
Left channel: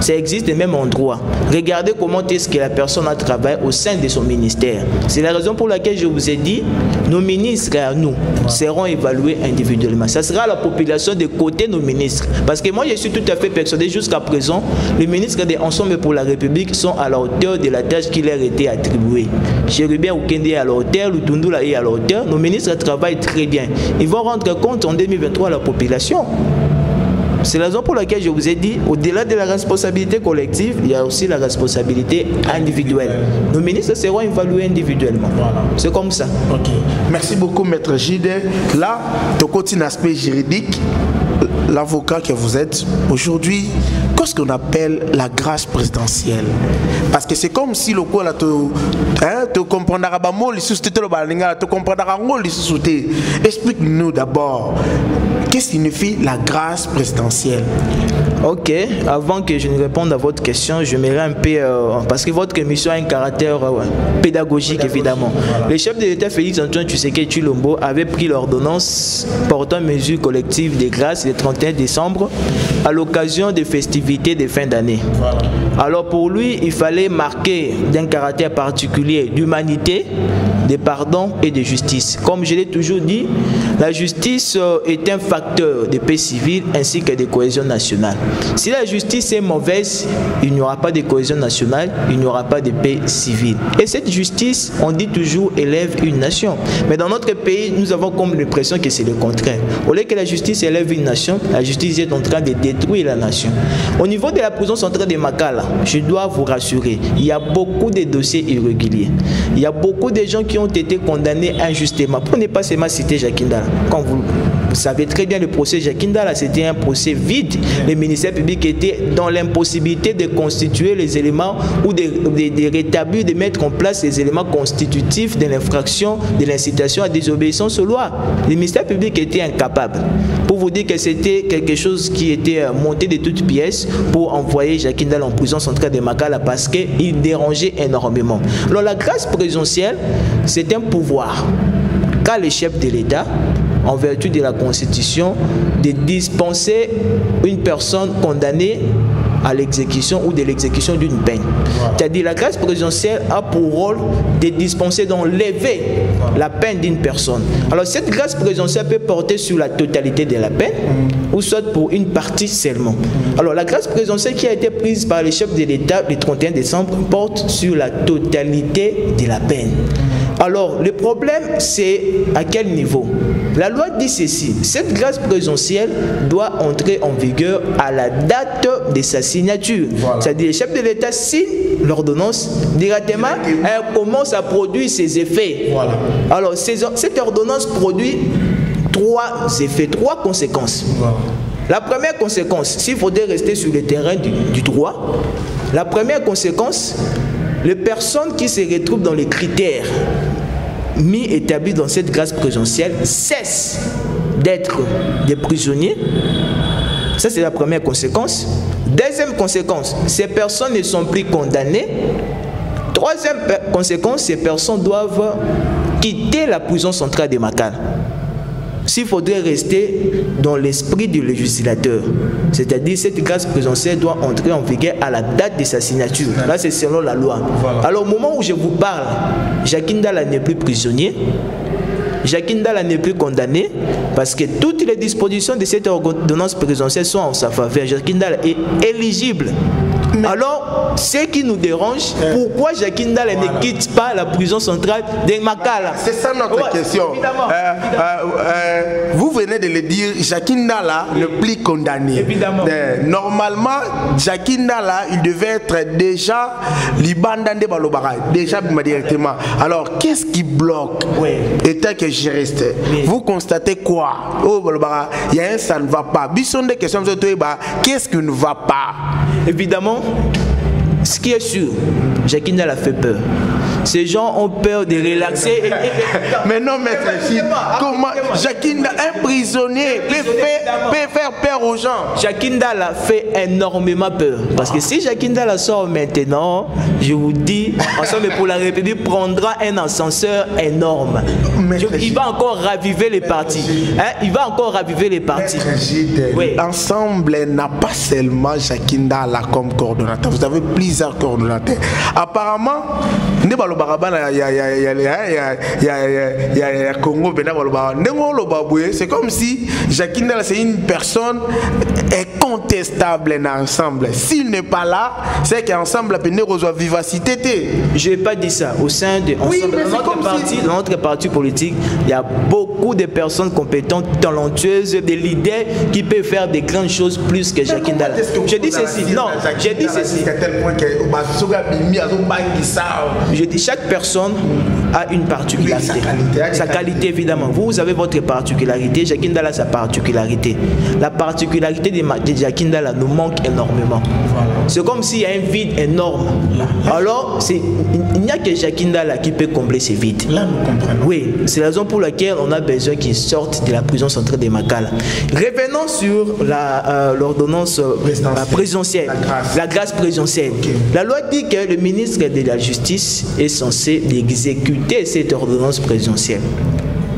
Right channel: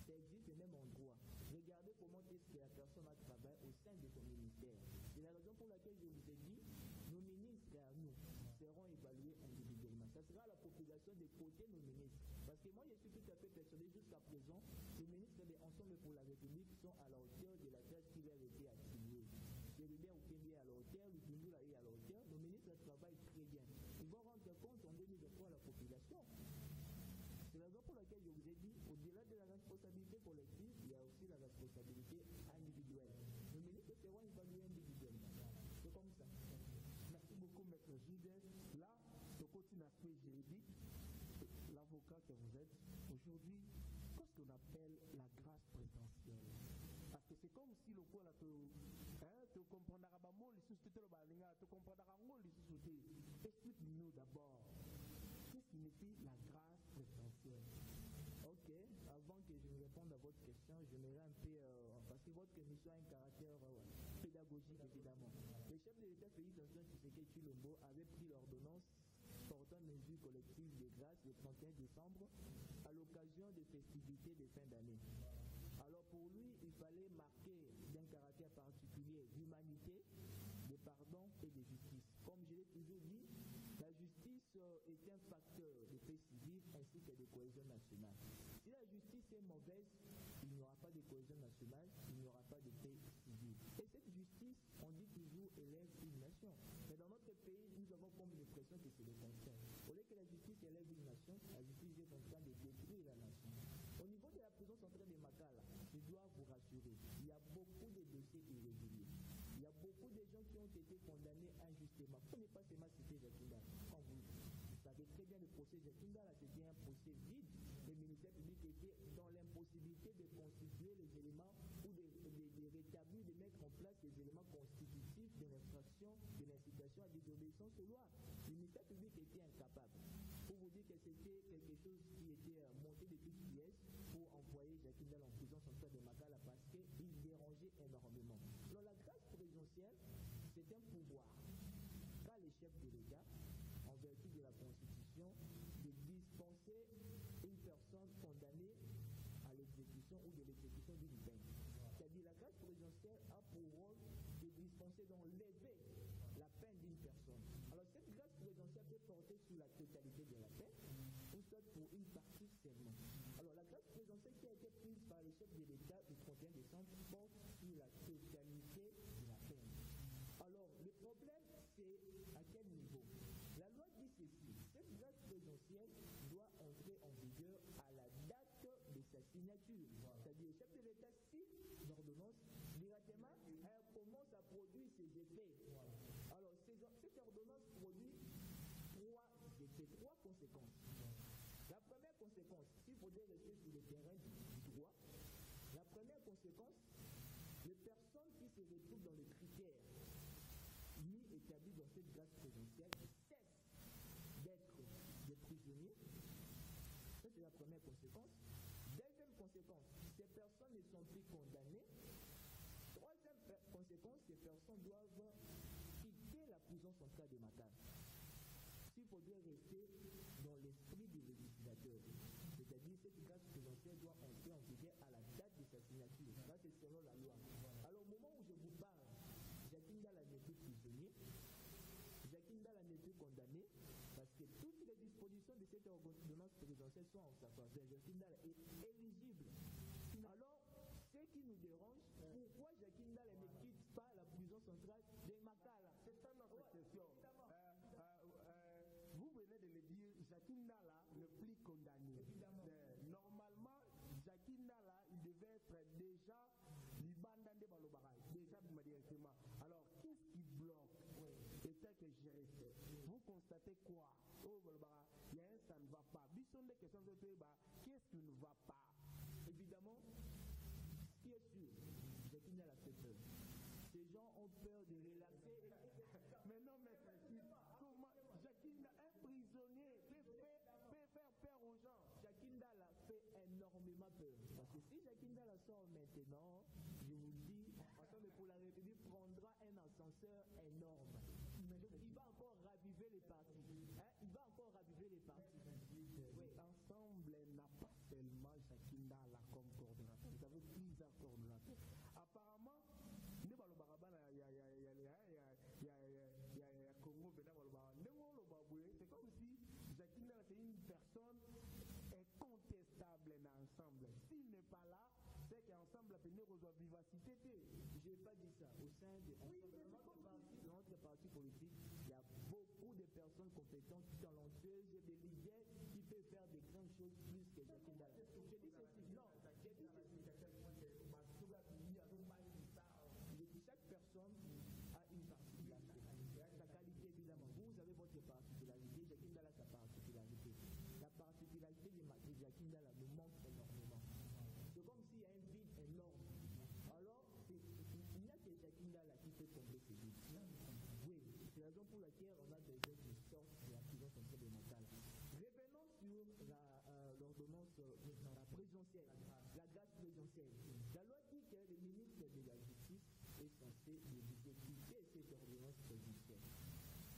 Ça existe même en droit. Regardez comment est-ce que la personne a travaillé au sein de son ministère. C'est la raison pour laquelle je vous ai dit, nos ministres à nous seront évalués individuellement. Ça sera la population de côté nos ministres. Parce que moi, je suis tout à fait persuadé jusqu'à présent, les ministres de Ensemble pour la République sont à la hauteur de la tâche qui leur a été attribuée. Chérubin Oukende est à la hauteur, Lutundula est à la hauteur. Nos ministres travaillent très bien. Ils vont rendre compte en 2023 à la population. C'est la raison pour laquelle je vous ai dit, au-delà de la responsabilité collective, il y a aussi la responsabilité individuelle. Nos ministres seront évalués individuellement. Voilà. C'est comme ça. Okay. Merci beaucoup, Maître Gide. Là, de côté un aspect juridique, l'avocat que vous êtes aujourd'hui, qu'est-ce qu'on appelle la grâce présidentielle? Parce que c'est comme si le coup là tu comprendras pas mot tu comprendras explique-nous d'abord qu'est-ce que signifie la grâce présidentielle. Ok, avant que je ne réponde à votre question, je m'irai un peu parce que votre émission a un caractère pédagogique évidemment. Voilà. Le chef de l'État Félix Antoine Tshisekedi Tshilombo avait pris l'ordonnance portant mesures collectives de grâce le 31 décembre à l'occasion des festivités de fin d'année. Voilà. Alors pour lui, il fallait marquer d'un caractère particulier d'humanité, de pardon et de justice. Comme je l'ai toujours dit, la justice est un facteur de paix civile ainsi que de cohésion nationale. Si la justice est mauvaise, il n'y aura pas de cohésion nationale, il n'y aura pas de paix civile. Et cette justice, on dit toujours, élève une nation. Mais dans notre pays, nous avons comme l'impression que c'est le contraire. Au lieu que la justice élève une nation, la justice est en train de détruire la nation. Au niveau de la prison centrale de Makala, je dois vous rassurer, il y a beaucoup de dossiers irréguliers. Il y a beaucoup de gens qui ont été condamnés injustement. Pour ne pas seulement citer Jacques Ndala. Quand vous savez très bien, le procès Jacques Ndala, c'était un procès vide. Le ministère public était dans l'impossibilité de constituer les éléments ou de rétablir, de mettre en place les éléments constitutifs de l'infraction, de l'incitation à désobéissance aux lois. Le ministère public était incapable. Pour vous dire que c'était quelque chose qui était monté de toutes pièces pour envoyer Jacques Ndala en prison centrale de Makala parce qu'il dérangeait énormément. Alors la grâce présidentielle, c'est un pouvoir qu'a le chef de l'État, en vertu de la Constitution, de dispenser une personne condamnée à l'exécution ou de l'exécution d'une peine. Voilà. C'est-à-dire la grâce présidentielle a pour rôle de dispenser, d'enlever la peine d'une personne. Alors cette grâce présidentielle peut porter sur la totalité de la peine ou soit pour une partie seulement. Alors la grâce présidentielle qui a été prise par les chefs de l'État le 31 décembre porte sur la totalité de la peine. Alors le problème c'est à quel niveau? La loi dit ceci, cette grâce présidentielle doit entrer en vigueur à la date de sa signature. Voilà. C'est-à-dire le chef de l'État signe l'ordonnance, directement elle commence à produire ses effets. Voilà. Alors cette ordonnance produit 3 effets, 3 conséquences. Voilà. La première conséquence, s'il faudrait rester sur le terrain du droit, la première conséquence, les personnes qui se retrouvent dans les critères mis établis dans cette grâce présidentielle cessent d'être des prisonniers. Ça, c'est la première conséquence. Deuxième conséquence, ces personnes ne sont plus condamnées. Troisième conséquence, ces personnes doivent quitter la prison centrale de Makala. S'il faudrait rester dans l'esprit du législateur, c'est-à-dire cette grâce présidentielle doit entrer en vigueur à la date de sa signature. Là, c'est selon la loi. Voilà. Alors, au moment où je vous parle, Jacques Ndala n'est plus prisonnier. Jacques Ndala n'est plus condamné parce que toutes les dispositions de cette ordonnance présidentielle sont en sa faveur. Jacques Ndala est éligible. Alors, ce qui nous dérange, pourquoi Jacques Ndala ne quitte pas la prison centrale de Makala? C'est ça notre question. Vous venez de le dire, Jacques Ndala n'est plus condamné. Évidemment. Normalement, Jacques Ndala, il devait être déjà libandandé balobara, déjà directement. Alors, qu'est-ce qui bloque? Et tel que je reste, vous constatez quoi? Oh, balobara, il y a un ça ne va pas. Bisson des questions, qu'est-ce qui ne va pas? Évidemment, ce qui est sûr, Jacques Ndala fait peur. Ces gens ont peur de relaxer. Mais non, maître Gilles, comment Jacques Ndala, un prisonnier, peut faire peur aux gens? Jacques Ndala fait énormément peur. Parce que si Jacques Ndala sort maintenant, je vous dis, Ensemble pour la République prendra un ascenseur énorme. Il va encore raviver les partis. Il va encore raviver les partis. Oui. L'ensemble n'a pas seulement Jacques Ndala comme coordonnateur. Vous avez plusieurs coordonnateurs. Apparemment, c'est comme si Jacques Ndala c'est une personne incontestable dans l'ensemble. S'il n'est pas là, c'est qu'ensemble la peine reçoit vivacité. Je n'ai pas dit ça. Au sein de dans notre parti politique, il y a beaucoup de personnes compétentes, talentueuses, des leaders qui peuvent faire des grandes choses plus que Jacques Ndala. Je dis ceci. Non, j'ai dit ceci. Je dis chaque personne a une particularité. Sa qualité, évidemment. Vous avez votre particularité. Jacques Ndala a sa particularité. La particularité de Jacques Ndala nous manque énormément. Voilà. C'est comme s'il y a un vide énorme. Alors, il n'y a que Jacques Ndala qui peut combler ce vide. Là, nous comprenons. Oui, c'est la raison pour laquelle on a besoin qu'ils sortent de la prison centrale de Makala. Revenons sur l'ordonnance présidentielle, la grâce présidentielle. Okay. La loi dit que le ministre de la Justice est censé exécuter cette ordonnance présidentielle.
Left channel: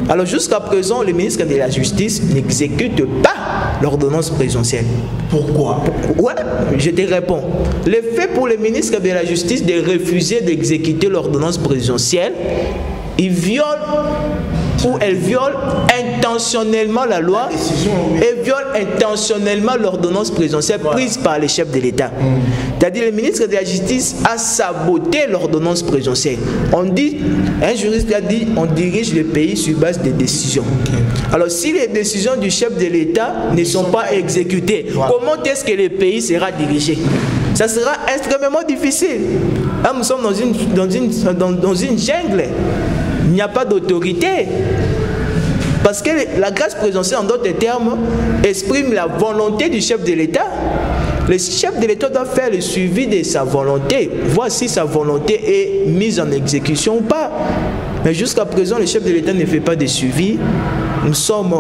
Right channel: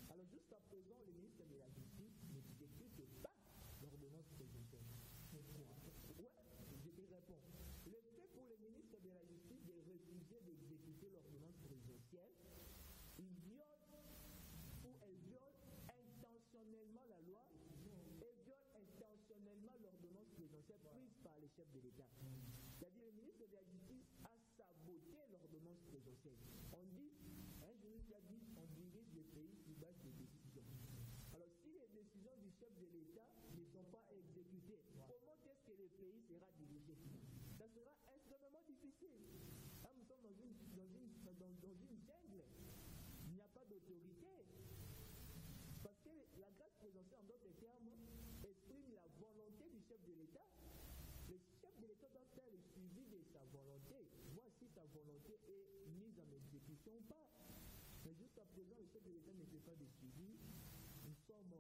Alors jusqu'à présent, le ministre de la Justice n'exécute pas l'ordonnance présidentielle. Pourquoi? Ouais, je te réponds. Le fait pour le ministre de la Justice de refuser d'exécuter l'ordonnance présidentielle, il viole ou elle viole intentionnellement la loi et viole intentionnellement l'ordonnance présidentielle prise par les chefs de l'État. C'est-à-dire le ministre de la Justice a saboté l'ordonnance présidentielle. On dit, un juriste a dit, on dirige le pays sur base des décisions. Alors si les décisions du chef de l'État ne sont pas exécutées, comment est-ce que le pays sera dirigé? Ça sera extrêmement difficile. Là, nous sommes dans une jungle. Il n'y a pas d'autorité. Parce que la grâce présidentielle, en d'autres termes, exprime la volonté du chef de l'État. Le chef de l'État doit faire le suivi de sa volonté, voir si sa volonté est mise en exécution ou pas. Mais jusqu'à présent, le chef de l'État ne fait pas de suivi. Nous sommes,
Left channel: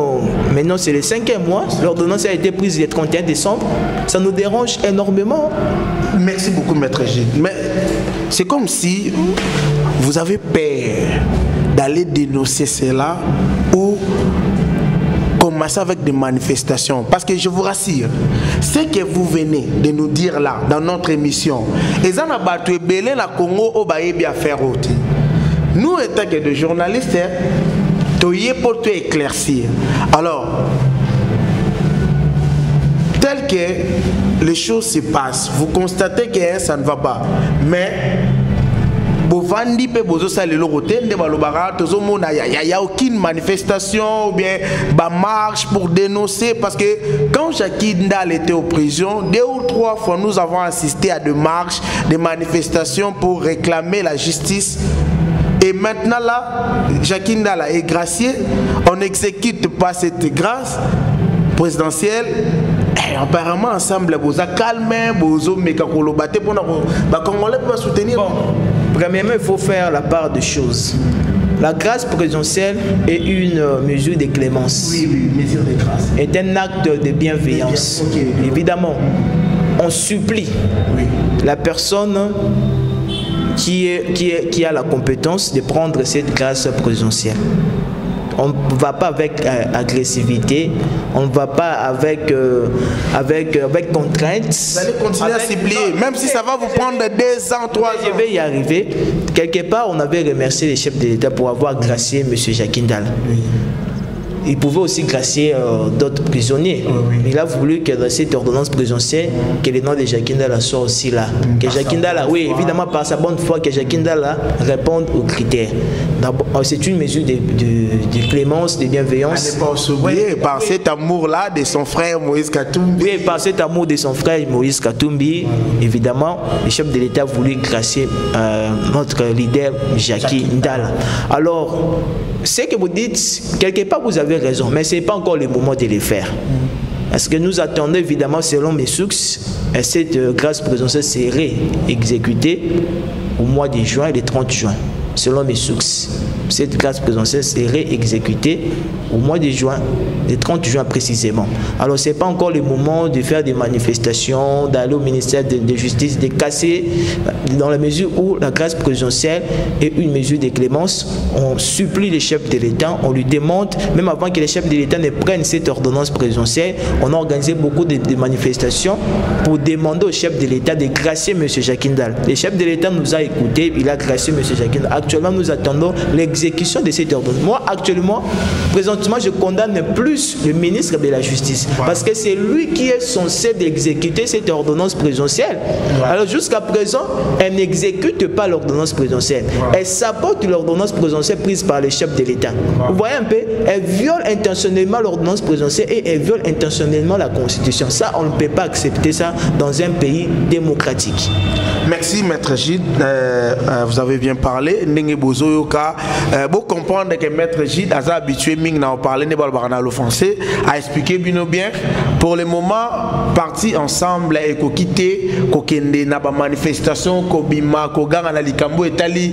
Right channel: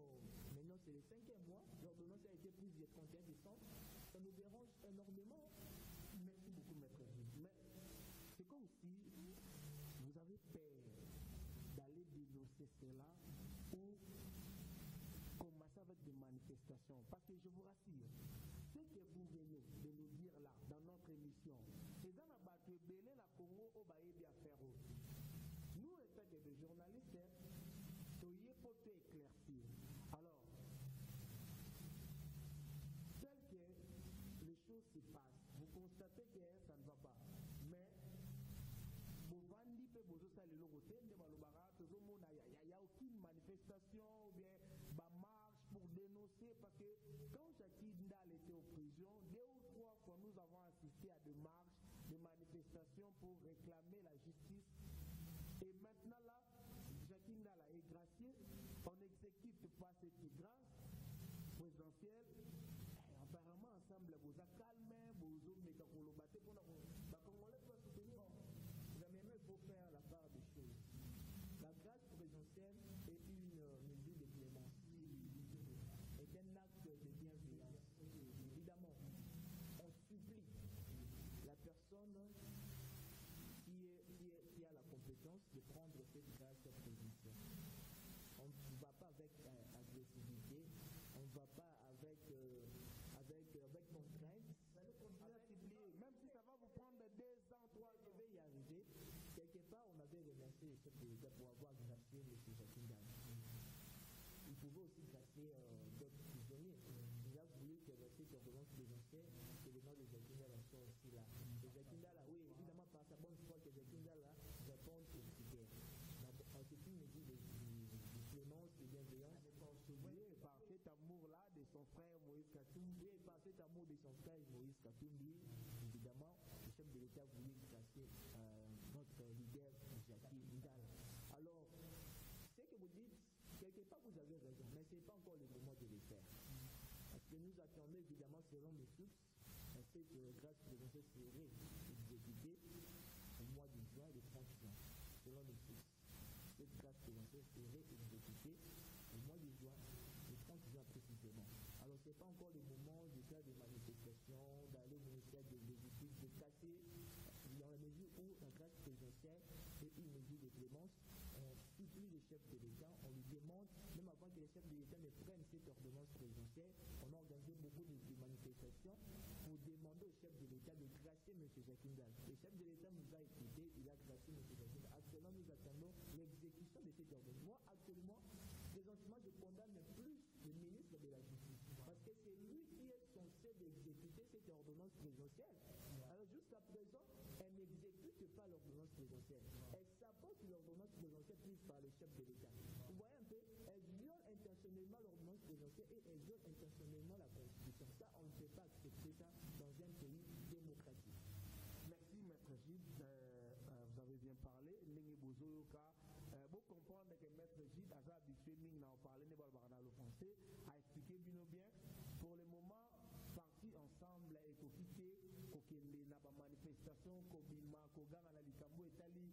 maintenant c'est le 5e mois, l'ordonnance a été prise le 31 décembre. Ça nous dérange énormément. Merci beaucoup, maître Gilles. Mais c'est comme si vous avez peur d'aller dénoncer cela ou commencer avec des manifestations. Parce que je vous rassure, ce que vous venez de nous dire là, dans notre émission, nous, étant que des journalistes, pour tout éclaircir. Alors, tel que les choses se passent, vous constatez que ça ne va pas. Mais il n'y a aucune manifestation ou bien marche pour dénoncer, parce que quand Jacques Ndala était en prison, 2 ou 3 fois nous avons assisté à des marches, des manifestations pour réclamer la justice. Et maintenant là, Jacques Ndala est gracié, on n'exécute pas cette grâce présidentielle. Et apparemment ensemble, vous avez calmé, vous avez mis pour soutenir. Bon, premièrement, il faut faire la part des choses. La grâce présidentielle est une mesure de clémence. Oui, mesure de grâce. Est un acte de bienveillance. Okay. Évidemment, on supplie la personne qui a la compétence de prendre cette grâce présidentielle. On ne va pas avec agressivité, on ne va pas avec contraintes. Vous allez continuer à supplier, même si ça va vous prendre 2 ans, 3 ans. Je vais y arriver. Quelque part, on avait remercié les chefs de l'État pour avoir gracié M. Jacques Ndala. Oui. Il pouvait aussi gracier d'autres prisonniers. Oui. Il a voulu que dans cette ordonnance présidentielle, que le nom de Jacques Ndala soit aussi là. Que Jacques Ndala, oui, évidemment par sa bonne foi, que Jacques Ndala réponde aux critères. C'est une mesure de clémence, de bienveillance. À ne pas s'oublier, par cet amour-là de son frère Moïse Katumbi. Oui, par cet amour de son frère Moïse Katumbi, évidemment, le chef de l'État voulait gracier notre leader Jacques Ndala. Alors, ce que vous dites, quelque part vous avez raison, mais ce n'est pas encore le moment de le faire. Parce que nous attendons évidemment, selon mes sources, cette grâce présidentielle serait exécutée au mois de juin, le 30 juin, selon mes sources. Cette grâce présidentielle serait exécutée au mois de juin, le 30 juin précisément. Alors ce n'est pas encore le moment de faire des manifestations, d'aller au ministère de Justice, de casser, dans la mesure où la grâce présidentielle est une mesure de clémence. On supplie les chefs de l'État, on lui demande, même avant que les chefs de l'État ne prennent cette ordonnance présidentielle, on a organisé beaucoup de manifestations pour demander aux chefs de l'État de gracier M. Jacques Ndala. Le chef de l'État nous a écoutés, il a gracié M. Jacques Ndala. Actuellement, nous attendons l'exécution de cette ordonnance. Moi, actuellement, présentement, je condamne plus le ministre de la Justice. Parce que c'est lui qui est censé d'exécuter cette ordonnance présidentielle. Alors, jusqu'à présent, elle n'exécute pas l'ordonnance présidentielle. Elle sabote l'ordonnance présidentielle prise par les chefs de l'État. Vous voyez un peu, elle viole intentionnellement l'ordonnance présidentielle et elle viole intentionnellement la Constitution. Ça, on ne peut pas accepter ça dans un pays démocratique. Merci, Maître Gide. Vous avez bien parlé. Vous comprendre que Maître Gide a habitué à parler de français, à expliquer bien. Pour le moment, partis ensemble et quitter, kokende na ba manifestation, kobima, koganga na likambo etali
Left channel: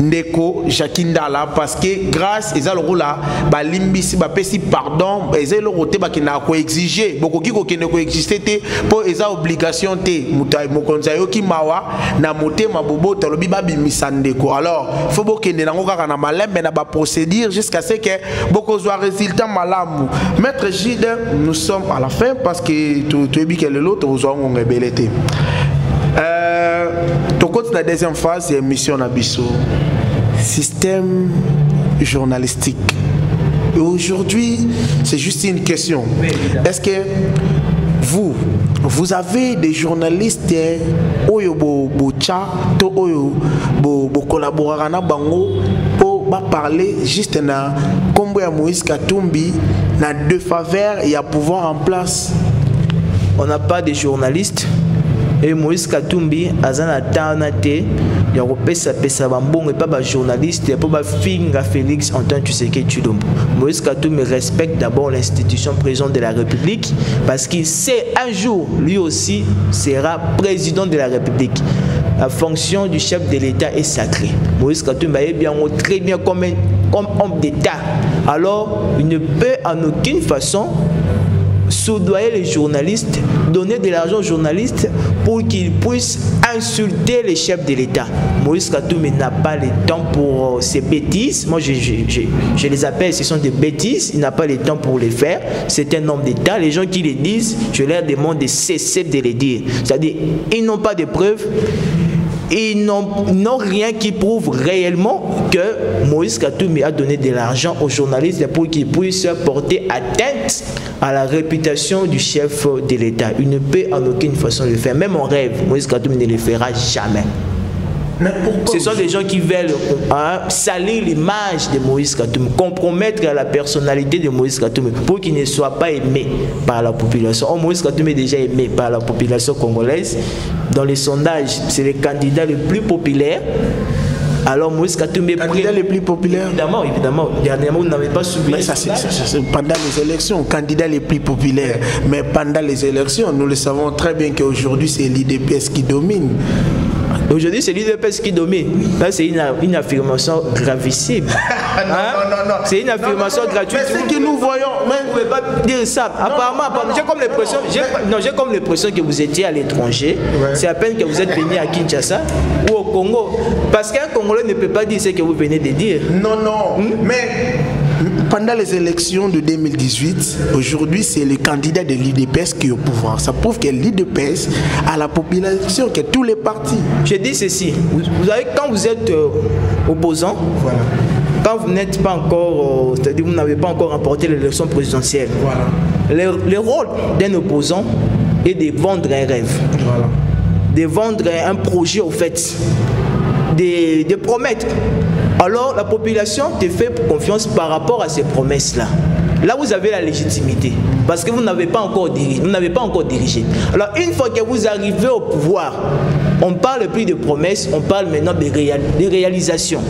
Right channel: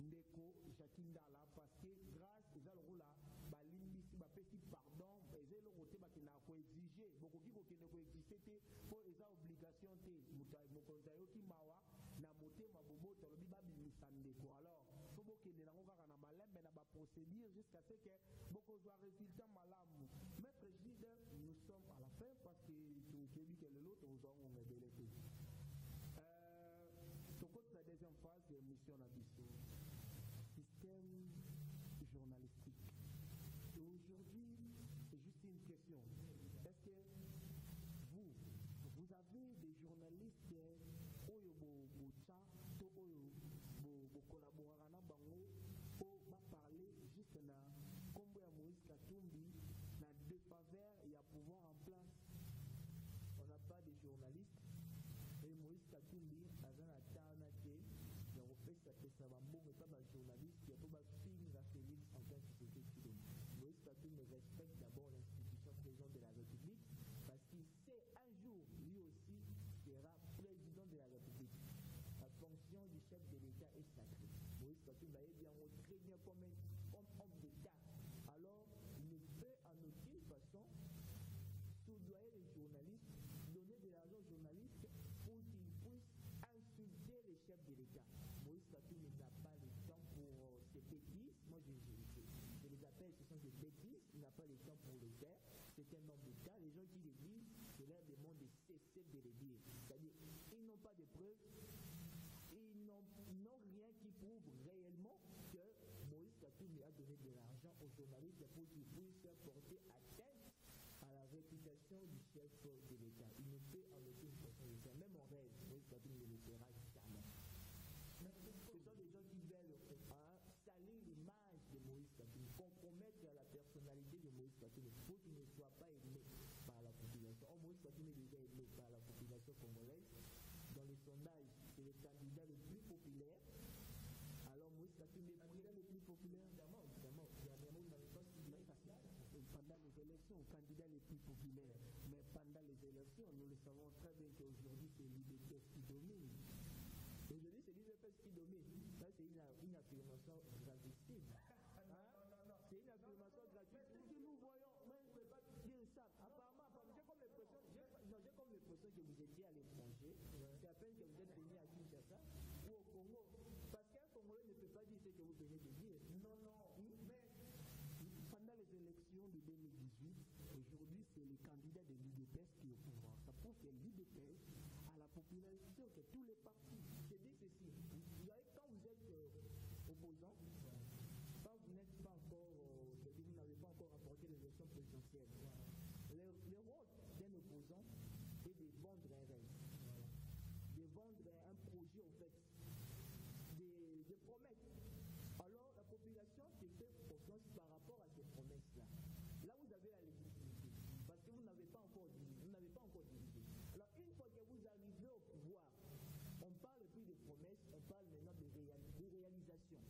ndeko Jacques Ndala parce que grâce à le rôle là, ba limbisi ba pesi pardon, ezé le roté ba kina ko exiger, boko ki kokende ko exister te pour eza obligation te mutai mokonza yo ki mawa na moté mabobo tolobi ba bimisa ndeko. Alors, faut bokende na ngokaka na malembe na ba procédure jusqu'à ce que beaucoup soit résultat malamu. Maître Gide, nous sommes à la fin parce que tu es bien que l'autre vous ont rebellé. Ton côté la deuxième phase c'est mission Nabiso, système journalistique. Et aujourd'hui, c'est juste une question. Est-ce que vous avez des journalistes oyo bo cha to oyo bo collaborer na bango pour parler juste na kombo ya Moïse Katumbi na deux faveurs et à pouvoir en place? On n'a pas de journalistes et Moïse Katumbi azana tanate ya kopesa pesa bambongo et pas ba journaliste et pas ba finga Félix Antoine Tshisekedi Tshilombo. Moïse Katumbi respecte d'abord l'institution présidente de la République parce qu'il sait un jour lui aussi sera président de la République. La fonction du chef de l'État est sacrée. Moïse Katumbi est bien très bien comme homme d'État. Alors, il ne peut en aucune façon soudoyer les journalistes, donner de l'argent aux journalistes pour qu'ils puissent insulter les chefs de l'État. Moïse Katumbi n'a pas le temps pour ces bêtises. Moi, je les appelle, ce sont des bêtises. Il n'a pas le temps pour les faire. C'est un homme d'État. Les gens qui les disent, je leur demande de cesser de les dire. C'est-à-dire, ils n'ont pas de preuves. Ils n'ont rien qui prouve réellement que Moïse Katumbi a donné de l'argent aux journalistes pour qu'ils puissent porter atteinte à la réputation du chef de l'État. Il ne peut en aucune façon le faire. Même en rêve, Moïse Katumbi ne le fera jamais. Ce sont des gens qui veulent salir l'image de Moïse Katumbi, compromettre la personnalité de Moïse Katumbi pour qu'il ne soit pas aimé par la population. Oh, Moïse Katumbi est déjà aimé par la population congolaise. Dans les sondages, c'est le candidat le plus populaire. Alors Moïse Katumbi est candidat le plus populaire. Évidemment. Dernièrement, vous n'avez pas suivi. C'est pendant les élections, candidat le plus populaire. Mais pendant les élections, nous le savons très bien qu'aujourd'hui, c'est l'IDPS qui domine. Aujourd'hui, c'est l'UDPS qui domine. Là, c'est une affirmation gravissime. Non. C'est une affirmation gratuite. Mais ce que nous voyons, vous ne pouvez pas dire ça. Apparemment, j'ai comme l'impression que vous étiez à l'étranger. Ouais. C'est à peine que vous êtes venu à Kinshasa ou au Congo. Parce qu'un Congolais ne peut pas dire ce que vous venez de dire. Non. Mais pendant les élections de 2018, aujourd'hui, c'est le candidat de l'UDPS qui est au pouvoir. Ça prouve que l'UDPS a la population, que tous les partis. Je dis ceci. Vous savez, quand vous êtes opposant, voilà. Quand vous n'êtes pas encore, c'est-à-dire vous n'avez pas encore remporté l'élection présidentielle, voilà. Le rôle d'un opposant est de vendre un rêve, voilà. De vendre un projet au fait, de promettre. Alors la population te fait confiance par rapport à ces promesses-là. Là, vous avez la légitimité, parce que vous n'avez pas encore dirigé. Alors, une fois que vous arrivez au pouvoir, on ne parle plus de promesses, on parle maintenant de réalisations,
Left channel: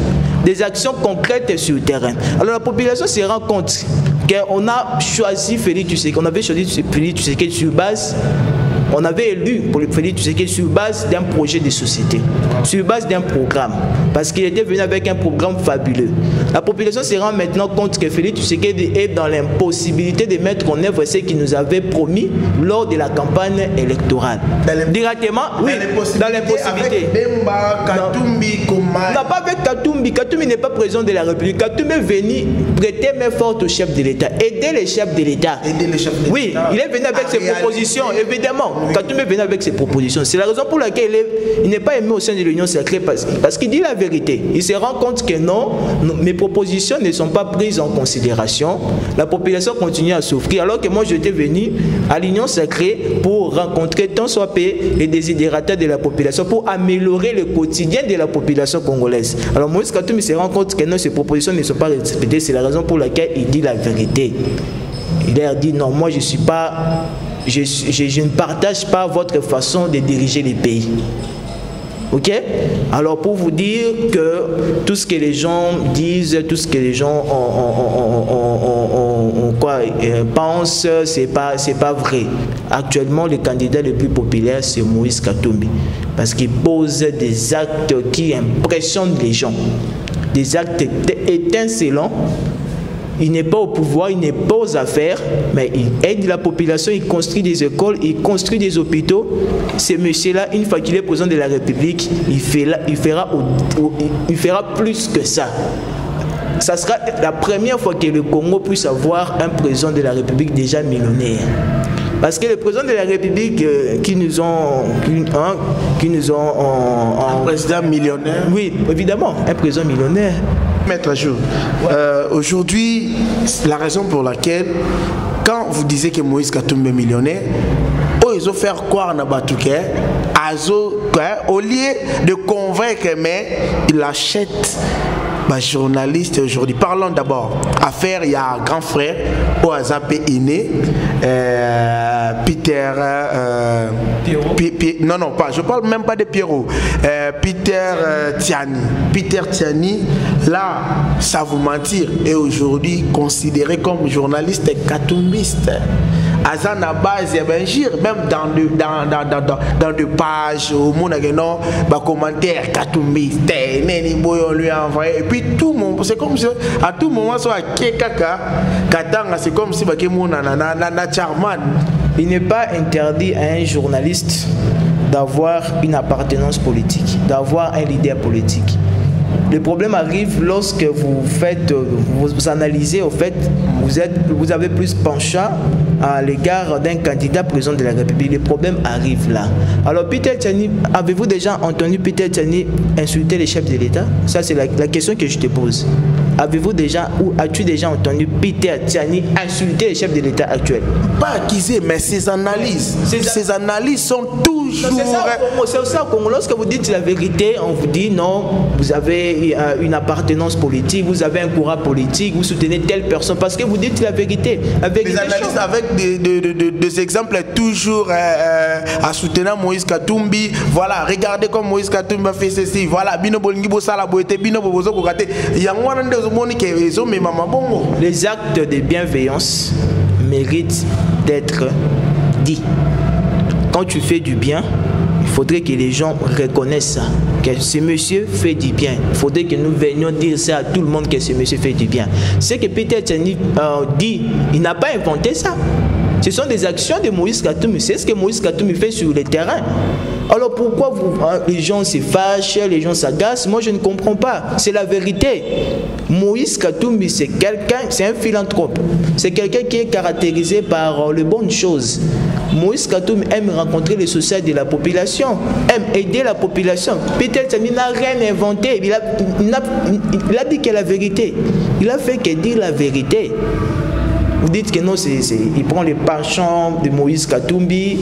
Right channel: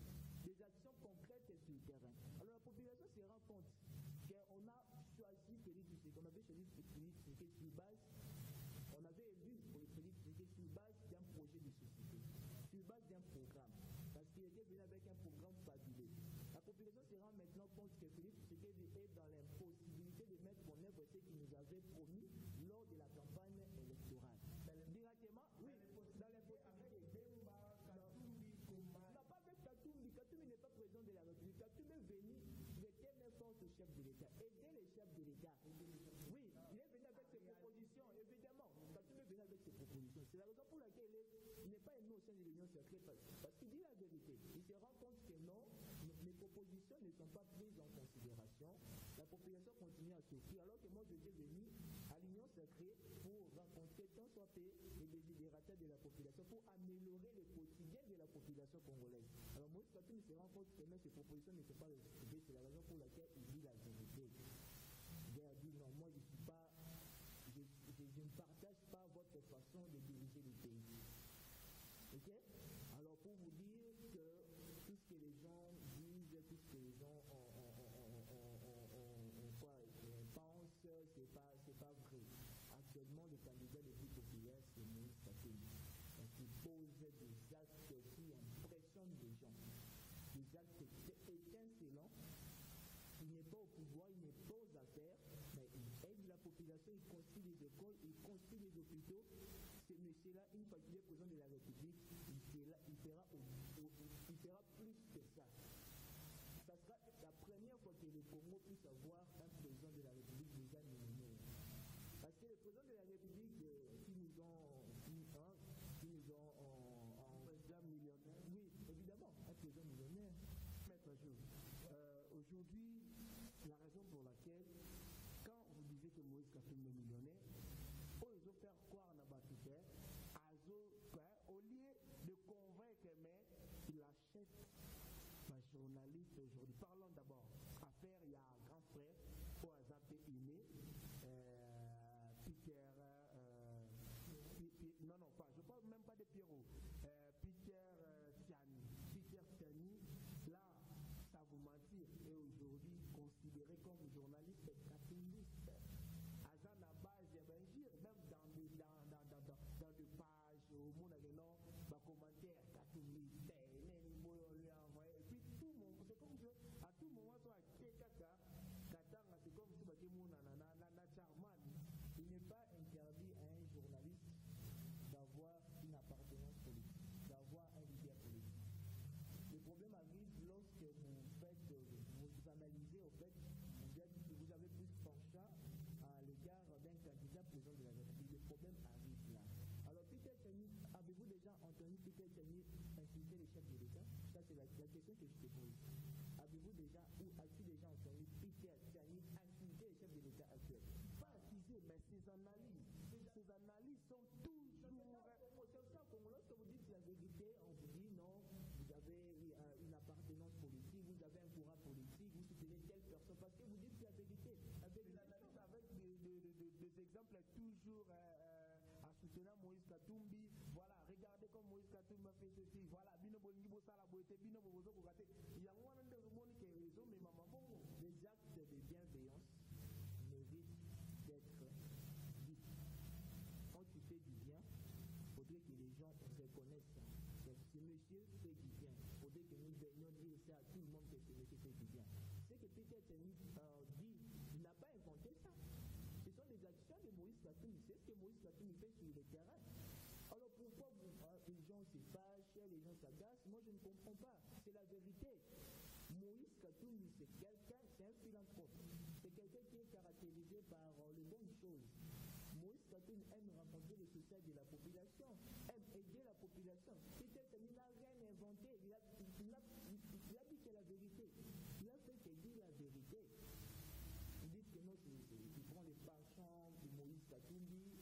des actions concrètes sur le terrain. Alors, la population se rend compte qu'on a choisi Félix Tshisekedi, on avait choisi Félix Tshisekedi sur base. On avait élu pour le Félix Tshisekedi sur base d'un projet de société, sur base d'un programme, parce qu'il était venu avec un programme fabuleux. La population se rend maintenant compte que Félix Tshisekedi est dans l'impossibilité de mettre en œuvre ce qu'il nous avait promis lors de la campagne électorale. Directement, oui, dans l'impossibilité. Non, pas avec Katumbi. Katumbi n'est pas président de la République. Katumbi est venu prêter main forte au chef de l'État, aider les chefs de l'État. Oui, il est venu avec ses propositions, évidemment. Katumbi est venu avec ses propositions. C'est la raison pour laquelle il n'est pas aimé au sein de l'Union sacrée, parce qu'il dit la vérité. Il se rend compte que non, mes propositions ne sont pas prises en considération. La population continue à souffrir, alors que moi j'étais venu à l'Union sacrée pour rencontrer tant soit peu les désidérateurs de la population, pour améliorer le quotidien de la population congolaise. Alors Moïse Katumbi se rend compte que non, ces propositions ne sont pas respectées. C'est la raison pour laquelle il dit la vérité. Il leur dit non, moi je suis pas... Je ne partage pas votre façon de diriger les pays. Ok? Alors pour vous dire que tout ce que les gens disent, tout ce que les gens pensent, c'est pas vrai. Actuellement, le candidat le plus populaire, c'est Moïse Katumbi. Parce qu'il pose des actes qui impressionnent les gens. Des actes étincelants. Il n'est pas au pouvoir, il n'est pas aux affaires, mais il aide la population, il construit des écoles, il construit des hôpitaux. Ce monsieur-là, une fois qu'il est président de la République, il fera plus que ça. Ça sera la première fois que le Congo puisse avoir un président de la République déjà millionnaire. Parce que le président de la République qui nous ont un président millionnaire. Oui, évidemment, un président millionnaire. Maître Jour, aujourd'hui, la raison pour laquelle, quand vous disiez que Moïse Katumbi est millionnaire, ils ont fait quoi en Abatouké, au lieu de convaincre, mais il achète. Journaliste aujourd'hui. Parlons d'abord. Affaire, il y a un grand frère au Azapé Iné, Peter. Non, pas. Je parle même pas de Pierrot. Peter Tiani. Peter Tiani, là, ça vous mentir, est aujourd'hui considéré comme journaliste katumbiste. À la base, même dans des pages, au monde a des commentaires katumbiste, on lui a envoyé. Et puis tout le monde, c'est comme si à tout moment, c'est comme si il n'est pas interdit à un journaliste d'avoir une appartenance politique, d'avoir un leader politique. Le problème arrive lorsque vous analysez, au fait, vous avez plus penchant à l'égard d'un candidat président de la République. Le problème arrive là. Alors Peter Tiani, avez-vous déjà entendu Peter Tiani insulter les chefs de l'État? Ça c'est la question que je te pose. Avez-vous déjà ou as-tu déjà entendu Peter Tiani insulter les chefs de l'État actuel? Pas accusé, mais ses analyses sont toujours... C'est ça, lorsque vous dites la vérité, on vous dit non, vous avez une appartenance politique, vous avez un courant politique, vous soutenez telle personne, parce que vous dites la vérité. Des analyses avec des exemples toujours à soutenir Moïse Katumbi. Voilà, regardez comme Moïse Katumbi a fait ceci. Voilà, les actes de bienveillance méritent d'être dits. Quand tu fais du bien, il Il faudrait que les gens reconnaissent ça, que ce monsieur fait du bien. Il faudrait que nous venions dire ça à tout le monde, que ce monsieur fait du bien. Ce que Peter Tchani dit, il n'a pas inventé ça. Ce sont des actions de Moïse Katumbi. C'est ce que Moïse Katumbi fait sur le terrain. Alors pourquoi les gens se fâchent, les gens s'agacent? Moi je ne comprends pas. C'est la vérité. Moïse Katumbi, c'est quelqu'un, c'est un philanthrope. C'est quelqu'un qui est caractérisé par les bonnes choses. Moïse Katumbi aime rencontrer les sociétés de la population, aime aider la population. Peter Tchani n'a rien inventé. Il a dit que la vérité. Il a fait que dire la vérité. Vous dites que non, il prend les penchants de Moïse Katumbi,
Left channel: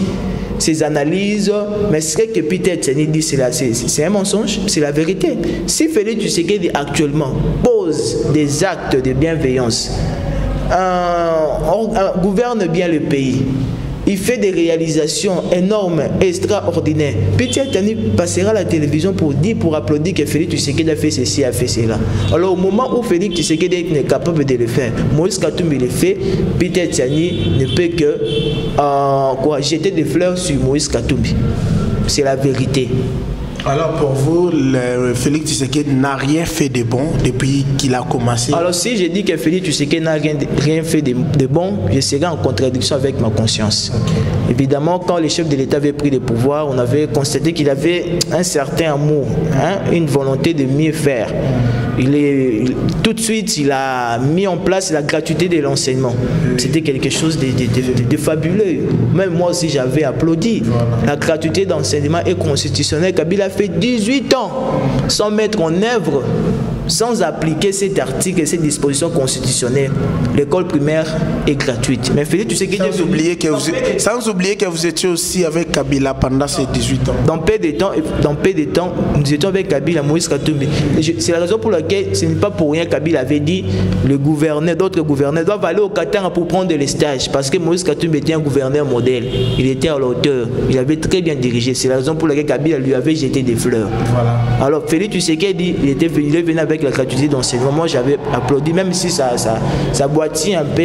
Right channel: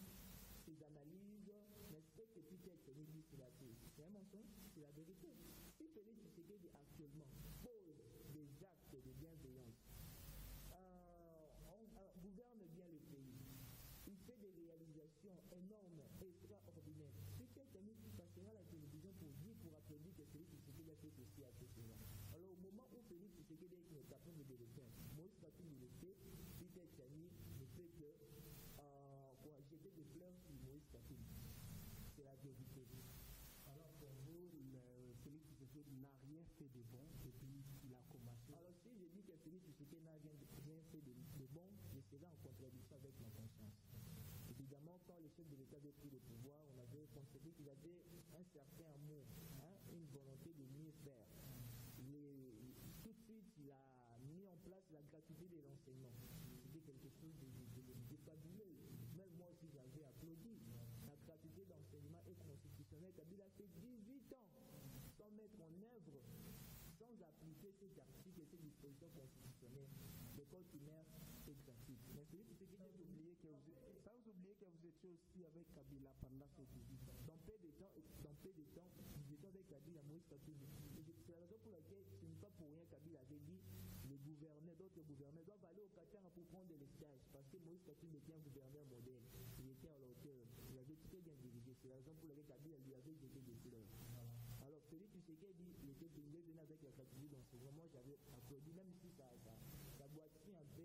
ses analyses, mais ce que Peter Tchani dit, c'est un mensonge, c'est la vérité. Si Félix Tshisekedi actuellement pose des actes de bienveillance, gouverne bien le pays, il fait des réalisations énormes, extraordinaires. Peter Tchani passera à la télévision pour applaudir que Félix Tshisekedi a fait ceci, a fait cela. Alors au moment où Félix Tshisekedi n'est capable de le faire, Moïse Katumbi le fait, Peter Tchani ne peut que jeter des fleurs sur Moïse Katumbi. C'est la vérité. Alors pour vous, Félix Tshisekedi n'a rien fait de bon depuis qu'il a commencé? Alors si je dis que Félix Tshisekedi n'a rien fait de bon, je serai en contradiction avec ma conscience. Okay. Évidemment, quand le chef de l'État avait pris le pouvoir, on avait constaté qu'il avait un certain amour, une volonté de mieux faire. Tout de suite, il a mis en place la gratuité de l'enseignement. C'était quelque chose de fabuleux. Même moi aussi, j'avais applaudi. Voilà. La gratuité d'enseignement est constitutionnelle. Kabila a fait 18 ans sans mettre en œuvre, sans appliquer cet article et cette disposition constitutionnelle. L'école primaire est gratuite. Mais Félix, tu sais que sans oublier que vous étiez aussi avec Kabila pendant ces 18 ans. Dans peu de temps, nous étions avec Kabila, Moïse Katumbi. C'est la raison pour laquelle ce n'est pas pour rien Kabila avait dit le gouverneur, d'autres gouverneurs doivent aller au Qatar pour prendre les stages, parce que Moïse Katumbi était un gouverneur modèle. Il était à la hauteur. Il avait très bien dirigé. C'est la raison pour laquelle Kabila lui avait jeté des fleurs. Voilà. Alors Félix, tu sais qu'il dit, il est venu avec la gratuité d'enseignement. Moi j'avais applaudi, même si ça boitille un peu,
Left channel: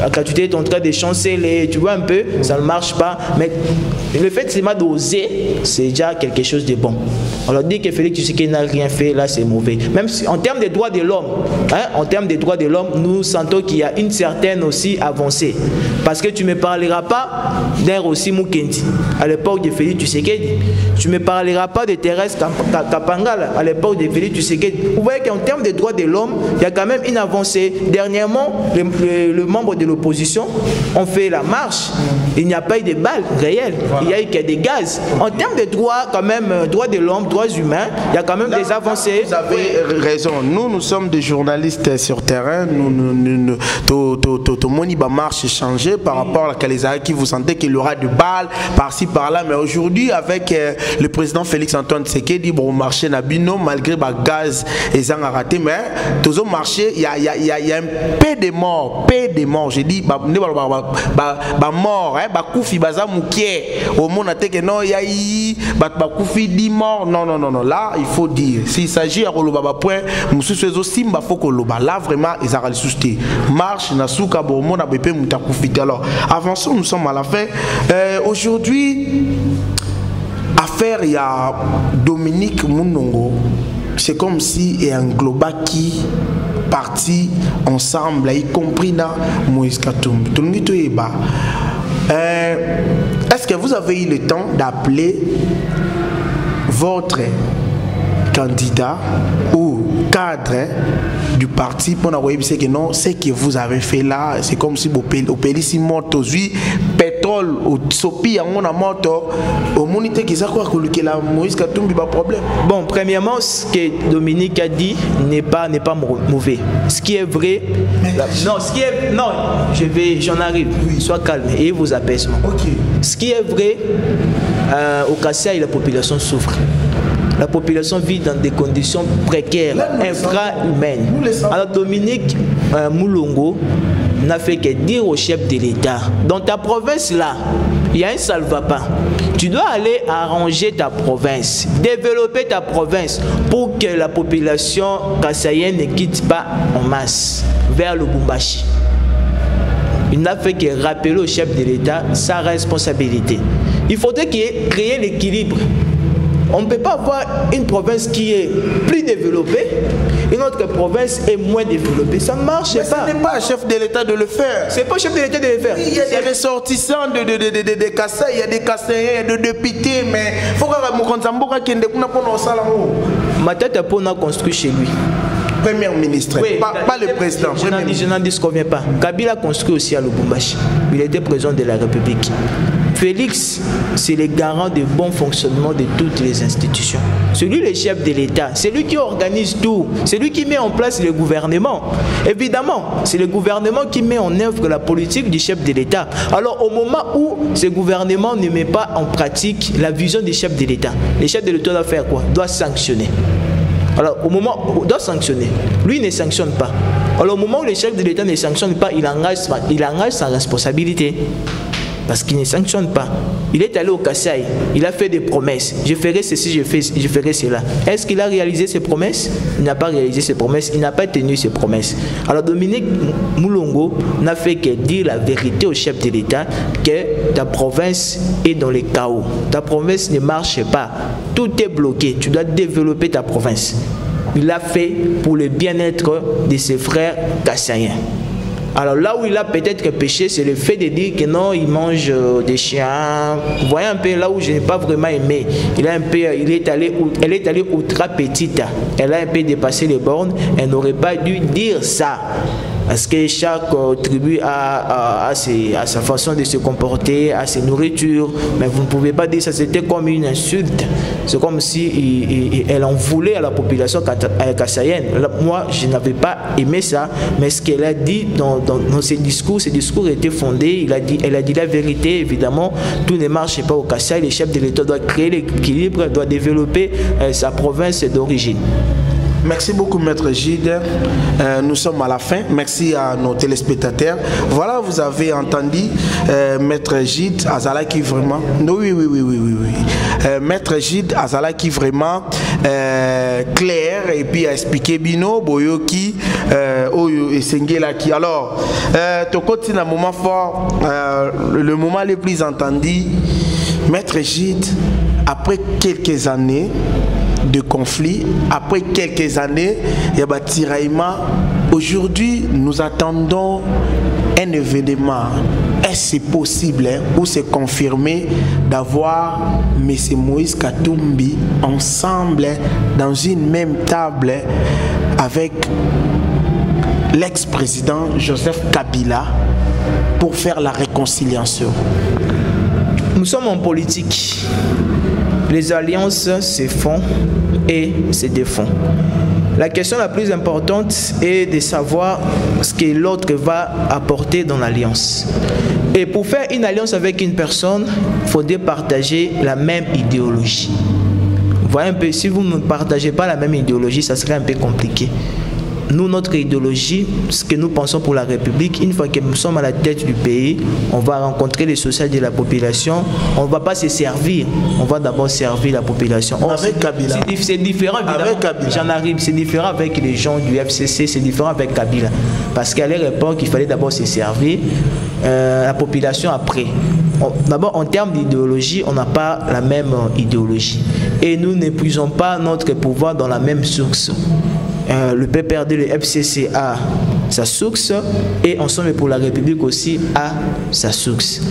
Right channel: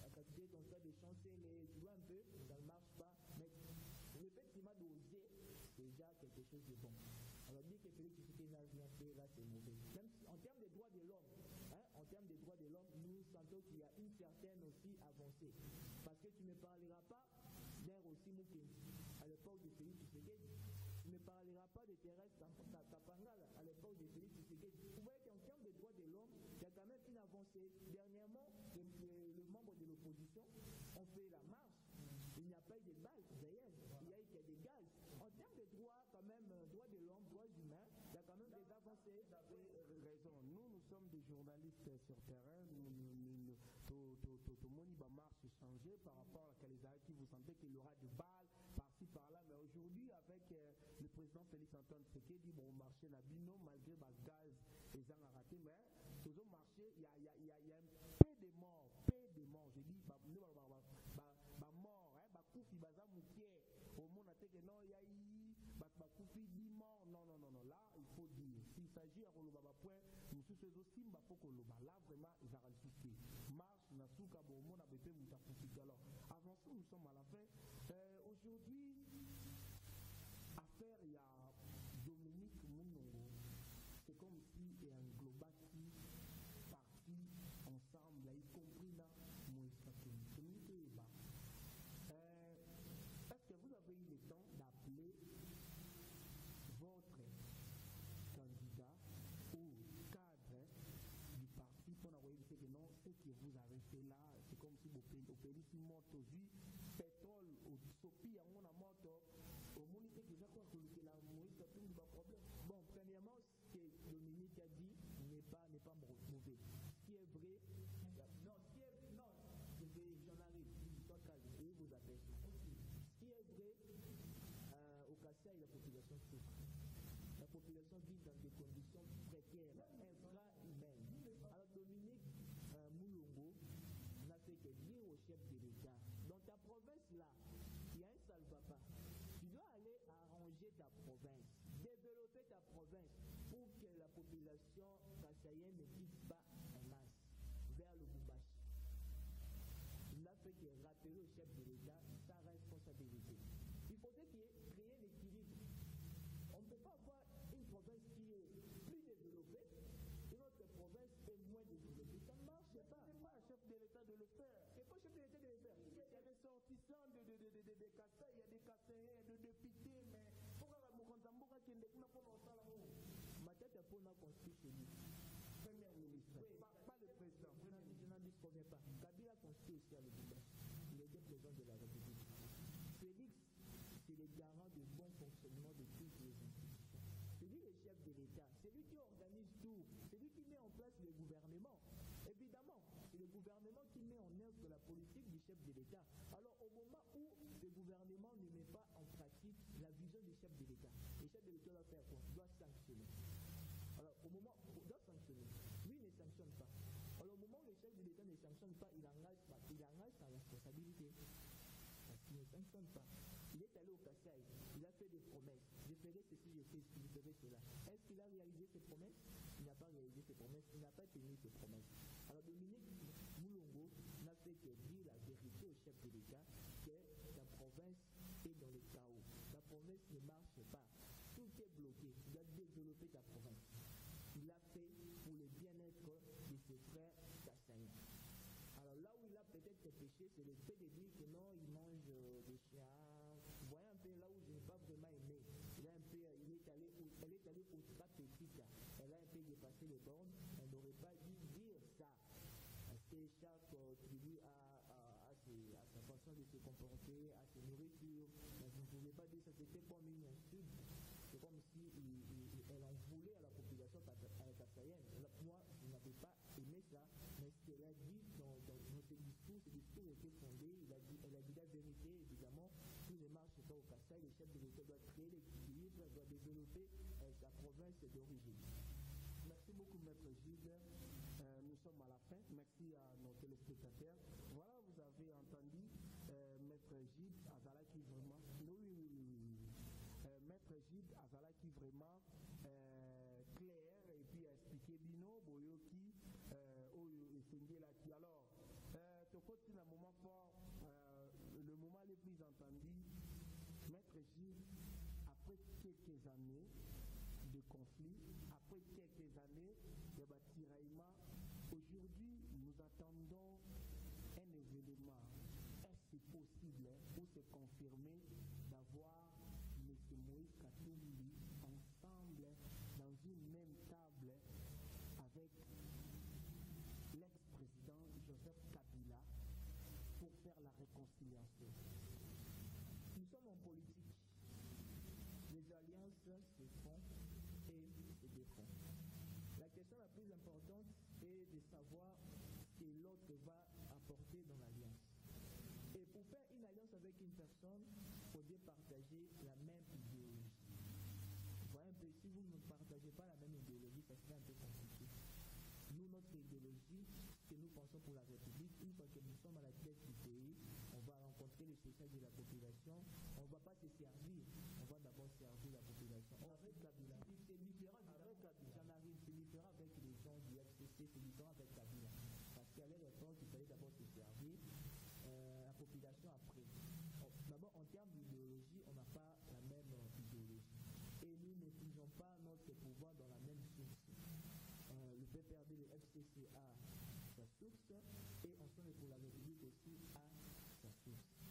la gratuité est en train de chanceler, tu vois un peu, ça ne marche pas, mais le fait seulement d'oser, c'est déjà quelque chose de bon. Alors dire que Félix Tshisekedi n'a rien fait, là c'est mauvais. Même si, en termes des droits de l'homme, en termes des droits de l'homme, nous sentons qu'il y a une certaine aussi avancée. Parce que tu ne me parleras pas d'un Rossi Mukendi à l'époque de Félix Tshisekedi. Tu ne me parleras pas de Thérèse Kapangala à l'époque de Félix Tshisekedi. Vous voyez qu'en termes de droits de l'homme, il y a quand même une avancée. Dernièrement, les membres de l'opposition ont fait la marche. Il n'y a pas eu de balles réelles. Voilà. Il y a eu que des gaz. En termes de droits, quand même, droits de l'homme, droits humains, il y a quand même des avancées. Vous avez raison. Nous sommes des journalistes sur terrain. Tout monde va marche changer par rapport à la Calaisaï qui vous sentez qu'il y aura de balles par-ci par-là. Mais aujourd'hui, avec le président Félix Antoine Tshisekedi, bon, marché Nabino, malgré le gaz et ça a raté, mais tous au marché, il y a un peu de morts, j'ai dit, mort, koufi baza moukié, au monde a que non, il y a eu, koufi 10 morts, non, là, il faut dire, s'il s'agit à Roloba point, Moussou Simba faut que Loba, là vraiment, ils ont ressuscité. Marche, Nasuka, bon, monde a bépé mouta koufi. Alors, avançons, nous sommes à la fin. Aujourd'hui, affaire, il y a Dominique Mounongo. C'est comme si il y a un global qui partit ensemble, y compris dans Moïse Katumbi. Est-ce que vous avez eu le temps d'appeler votre candidat ou cadre du parti pour avoir dit que non, ce que vous avez fait là, c'est comme si vous payez si moto, pétrole, ou sopi, on a moto, au monité qui s'est quoi que la Moïse Katumbi pas problème. Bon, premièrement, ce que Dominique a dit n'est pas mauvais. Ce qui est vrai, j'en arrive. Oui. Sois calme et vous apaisement. Okay. Ce qui est vrai, au Kassai, la population souffre. La population vit dans des conditions précaires, infra-humaines. Alors Dominique Moulongo n'a fait que dire au chef de l'État, dans ta province là, il y a un salvapa. Tu dois aller arranger ta province, développer ta province pour que la population kassaïenne ne quitte pas en masse vers le Lubumbashi. il n'a fait que rappeler au chef de l'État sa responsabilité. Il faudrait qu'il ait créé l'équilibre. On ne peut pas avoir une province qui est plus développée, une autre province est moins développée. Ça ne marche pas. Ce n'est pas un chef de l'État de le faire. C'est pas au chef de l'État de le faire. Il y a des ressortissants de Kassai, il y a des Kassaïens, de députés, mais il faut que Moukhanzamboka qui est pour Salamo. Matata Pona construit chez lui. Premier ministre, oui, pas le président. Je n'en disconviens pas. Kabila construit aussi à Lubumbashi. Il était président de la République. Félix, c'est le garant du bon fonctionnement de toutes les institutions. C'est lui le chef de l'État. C'est lui qui organise tout. C'est lui qui met en place le gouvernement. Évidemment, c'est le gouvernement qui met en œuvre la politique du chef de l'État. Alors, au moment où ce gouvernement ne met pas en pratique la vision du chef de l'État, le chef de l'État doit faire quoi? Doit sanctionner. Alors, au moment où il doit sanctionner, lui ne sanctionne pas. Alors, au moment où le chef de l'État ne sanctionne pas, il engage sa responsabilité. Parce qu'il ne sanctionne pas. Il est allé au Kassai, il a fait des promesses. Je ferai ceci, je ferai cela. Est-ce qu'il a réalisé ses promesses? Il n'a pas réalisé ses promesses, il n'a pas tenu ses promesses. Alors Dominique Moulongo n'a fait que dire la vérité au chef de l'État que ta province est dans le chaos. Ta province ne marche pas. Tout est bloqué. Tu dois développer ta province. Il l'a fait pour le bien-être de ses frères kassaïens. Alors là où il a peut-être péché, c'est le fait de dire que non, il mange des chiens. Vous voyez un peu là où je n'ai pas vraiment aimé. Elle est allée ultra petite. Elle a un peu dépassé les bornes. Elle n'aurait pas dû dire ça. Parce que chaque tribu a sa façon de se comporter, a ses nourritures. Mais vous ne pouvez pas dire ça, c'était comme une insulte. C'est comme si elle en voulait à la population kassaïenne. Moi, je n'avais pas aimé ça. Mais ce qu'elle a dit dans ses discours étaient fondés. Elle a dit la vérité, évidemment. Tout ne marche pas au Kassai. Le chef de l'État doit créer l'équilibre, doit développer sa province d'origine. Merci beaucoup, Maître Gide. Nous sommes à la fin. Merci à nos téléspectateurs. Voilà, vous avez entendu Maître Gide Azala qui vraiment... Oui. Maître Gide Azala qui vraiment clair et puis a expliqué Bino, Boyoki, Oyo et Sengela qui... Alors, Tokoti, un moment fort, le moment le plus entendu, Maître Gide, après quelques années de conflit, après quelques années, il y a un tiraillement. Aujourd'hui, nous attendons un événement. Est-ce possible ou c'est confirmé d'avoir M. Moïse Katumbi ensemble dans une même table avec l'ex-président Joseph Kabila pour faire la réconciliation? Nous sommes en politique. Les alliances se font et se défont. La question la plus importante est de savoir ce que l'autre va apporter dans l'alliance. Et pour faire une alliance avec une personne, il faudrait partager la même idéologie. Vous voyez un peu, si vous ne partagez pas la même idéologie, ça serait un peu compliqué. Nous, notre idéologie, ce que nous pensons pour la République, une fois que nous sommes à la tête du pays, on va rencontrer les social de la population, on ne va pas se servir, on va d'abord servir la population. Avec Kabila. C'est différent, évidemment. Avec Kabila. J'en arrive, c'est différent avec les gens du FCC, c'est différent avec Kabila. Parce qu'à leur époque, il fallait d'abord se servir, la population après. D'abord, en termes d'idéologie, on n'a pas la même idéologie. Et nous n'épuisons pas notre pouvoir dans la même source. Le PPRD, le FCC a sa source et Ensemble pour la République aussi a sa source.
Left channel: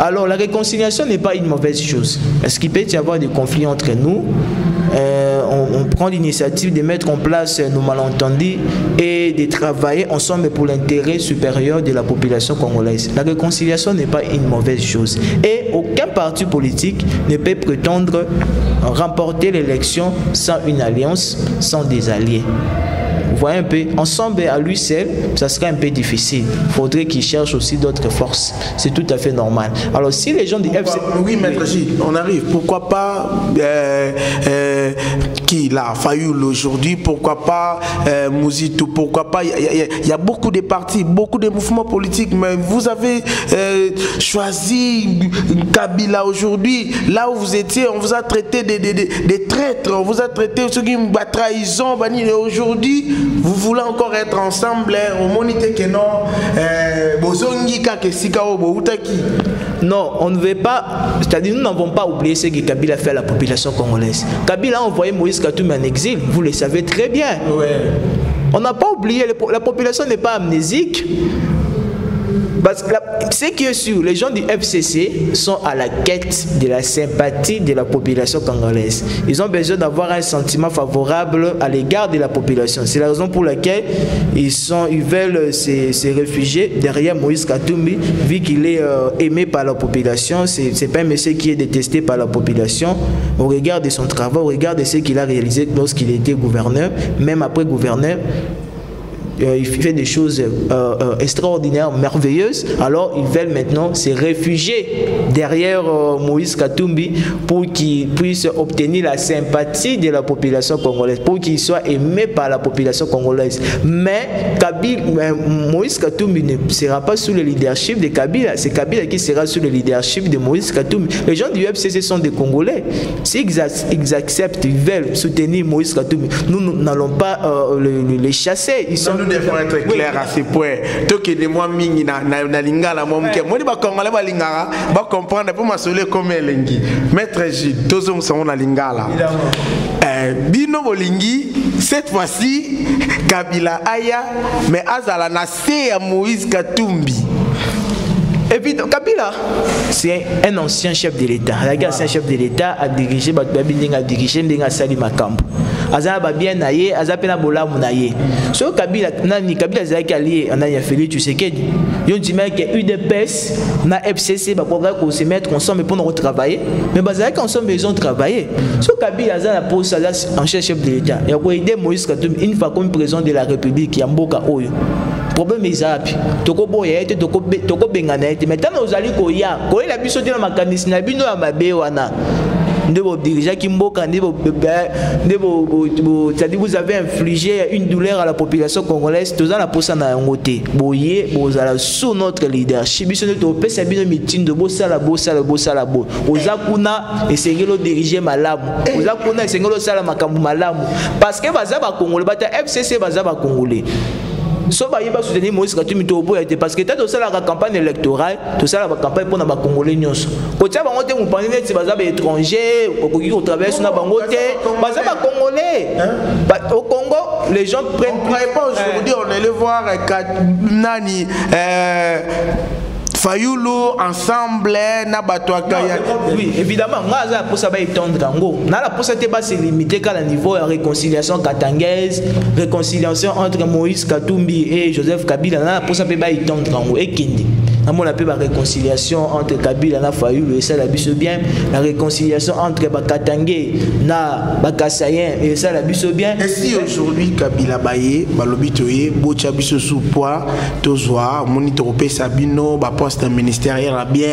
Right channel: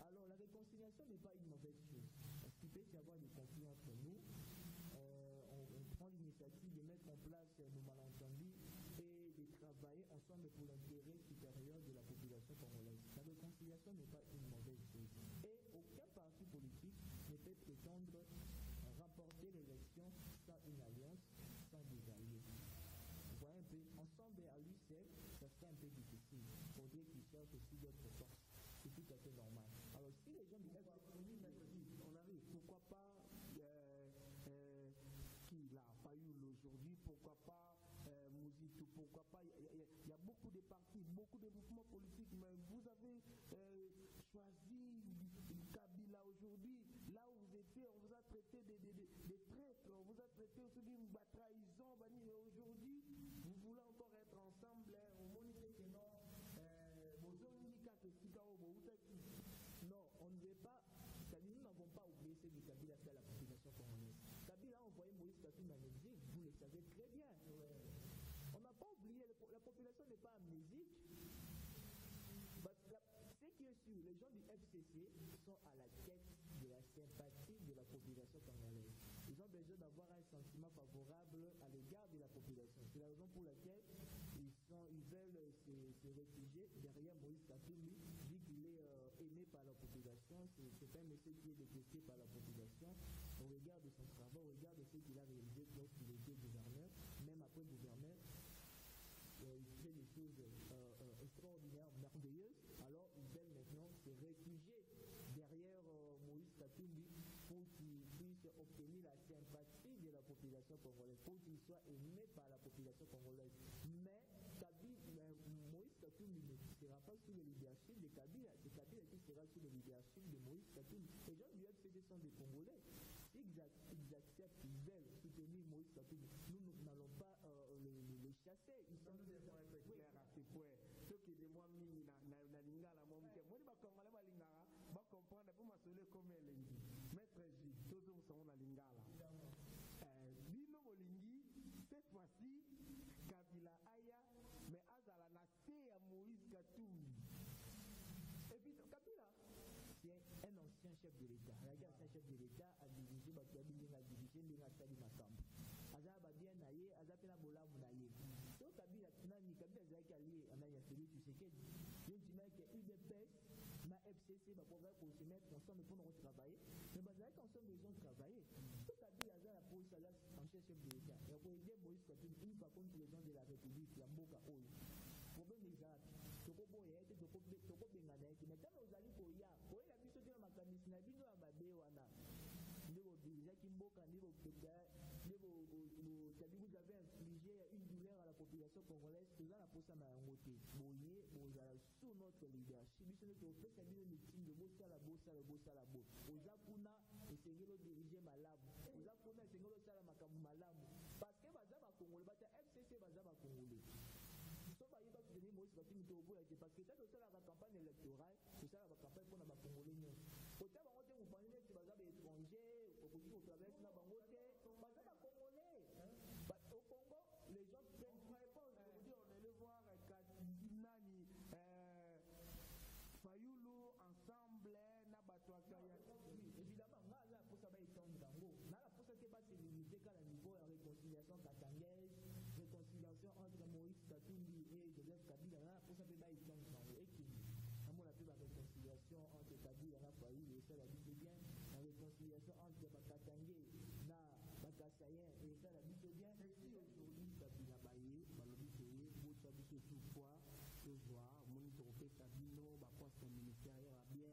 Alors la réconciliation n'est pas une mauvaise chose. Est-ce qu'il peut y avoir des conflits entre nous? On prend l'initiative de mettre en place nos malentendus et de travailler ensemble pour l'intérêt supérieur de la population congolaise. La réconciliation n'est pas une mauvaise chose. Et aucun parti politique ne peut prétendre remporter l'élection sans une alliance, sans des alliés. Vous voyez un peu, ensemble à lui seul, ça serait un peu difficile. Il faudrait qu'il cherche aussi d'autres forces. C'est tout à fait normal. Alors si les gens du FC... Oui, Maître Gide, on arrive. Pourquoi pas qui là, Fayoul aujourd'hui, pourquoi pas Mouzitou, pourquoi pas, il y a beaucoup de partis, beaucoup de mouvements politiques, mais vous avez choisi Kabila aujourd'hui, là où vous étiez, on vous a traité des traîtres, on vous a traité ceux qui ont trahison, et aujourd'hui, vous voulez encore être ensemble, au monité que non, non, on ne veut pas, c'est-à-dire nous n'avons pas oublié ce que Kabila fait à la population congolaise. Kabila a envoyé Moïse Katumbi en exil, vous le savez très bien. Ouais. On n'a pas oublié, la population n'est pas amnésique. Parce que ce qui est sûr, les gens du FCC sont à la quête de la sympathie de la population congolaise. Ils ont besoin d'avoir un sentiment favorable à l'égard de la population. C'est la raison pour laquelle ils veulent se réfugier derrière Moïse Katumbi, vu qu'il est aimé par la population. C'est pas un monsieur qui est détesté par la population. Au regard de son travail, au regard de ce qu'il a réalisé lorsqu'il était gouverneur, même après gouverneur, il fait des choses extraordinaires, merveilleuses. Alors ils veulent maintenant se réfugier derrière Moïse Katumbi pour qu'il puisse obtenir la sympathie de la population congolaise, pour qu'il soit aimé par la population congolaise. Mais Moïse Katumbi ne sera pas sous le leadership de Kabila, c'est Kabila qui sera sous le leadership de Moïse Katumbi. Les gens du FCC sont des Congolais. S'ils acceptent, ils veulent soutenir Moïse Katumbi, nous n'allons pas les chasser. Ils sont nous devons être clairs à ce point. Tout que de moi mingi na lingala moi mke. Moi ba Congolais ba lingara ba comprendre pour m'assurer comme elengi. Maître Gilles, tous on sont na lingala. Bino bolingi cette fois-ci Kabila aya mais azala na se ya Moïse Katumbi. Et puis Kabila, c'est un ancien chef de l'État. L'ancien chef de l'État a dirigé Sali Makambo. Azaba bien naïe, Azapena Bola Mounaye. So Kabila, Kabila Zaki allié, on a fait tu sais que yon dit que UDPS, na FCC, bah pour qu'on se mette ensemble pour nous travailler. Mais Bazaki ensemble besoin de travailler. So Kabila a la pose ancien chef de l'État. Il a aidé Moïse Katumbi une fois comme président de la République, Yamboka Oyo. Problème est zapi. Toko boya ete toko bengana ete. Maintenant aux ali koya. Koya la biso de la makanisi na bino ya mabe wana. Ndebo dirigeant Kimboka ndebo c'est-à-dire vous avez infligé une douleur à la population congolaise. Tous la posa na ngote. Boye bozala sous notre leadership. Biso ne to pesa bino mitin de bosala bo. Ozakuna esengelo diriger malamu. Ozakuna esengelo sala makambu malamu. Parce que baza ba Congolais bata FCC baza ba Congolais. So ba yeba soutenir Moïse Katumbi to boya parce que tant ça la campagne électorale, tout ça la campagne pour na ba Congolais nyonso. Ko tia bango te mu pandine ti baza ba étranger, ko ko traverse na bango te, baza ba Congolais. Au Congo, les gens prennent pas aujourd'hui on allait voir nani Fayoulou ensemble na batouakaya. Oui, évidemment, moi pour ça va étendre gango. Na la pour ça pas se limiter qu'à la niveau de réconciliation katangaise, réconciliation entre Moïse Katumbi et Joseph Kabila. Na pour ça pas étendre gango et Kindi. On appelle la réconciliation entre Kabila et Fayoulou et ça la biso bien, la réconciliation entre Bakatangé na Bakasayen et ça la biso bien. Et si aujourd'hui Kabila baye, balobitoye, bocha biso sous poids, tozwa, monitoropé Sabino, ba poste ministériel la bien.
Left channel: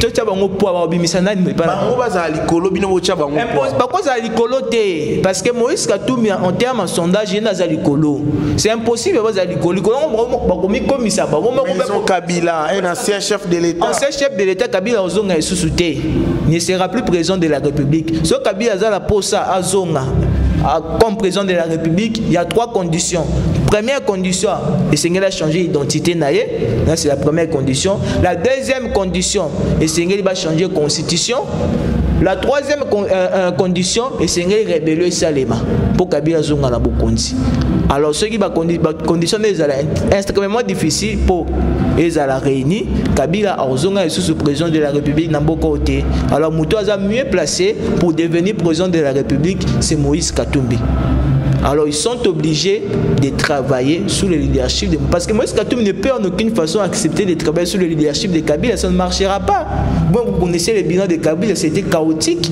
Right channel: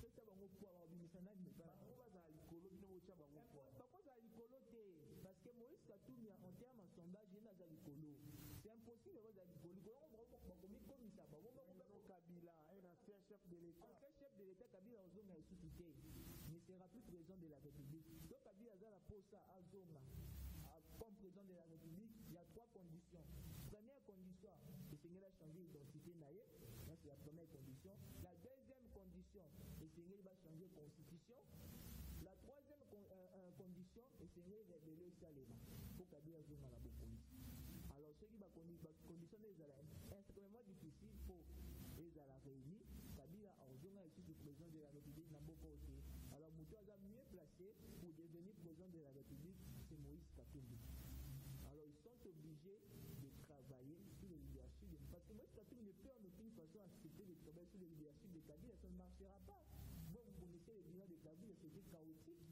Tu as bango poids ba bimisana ni pas. Bango baza likolo bino bocha bango. Impose pas quoi ça likolo te parce que Moïse Katumbi en termes de sondage il na za likolo. C'est impossible ba likolo. Ba komi komisa ba ko Kabila un ancien chef de l'État. Ancien chef de l'État, Kabila Ozonga est sous-souté. Ne sera plus président de la République. Ce Kabila Zala Posa Azonga comme président de la République, il y a 3 conditions. Première condition, le Seigneur a changé d'identité. C'est la première condition. La deuxième condition, le Seigneur va changer de constitution. La troisième condition, le Seigneur rébellieux Salema pour Kabila Zonga na Bokondi. Alors, ce qui va conditionner est extrêmement difficile pour les réunir. Kabila Zonga est sous président de la République dans beaucoup de côtés. Alors, Moutoua a mieux placé pour devenir président de la République, c'est Moïse Katumbi. Alors ils sont obligés de travailler sous le leadership de... Parce que Moïse Katumbi ne peut en aucune façon accepter de travailler sous le leadership de Kabila, ça ne marchera pas. Bon, vous connaissez le bilan de Kabila, c'était chaotique.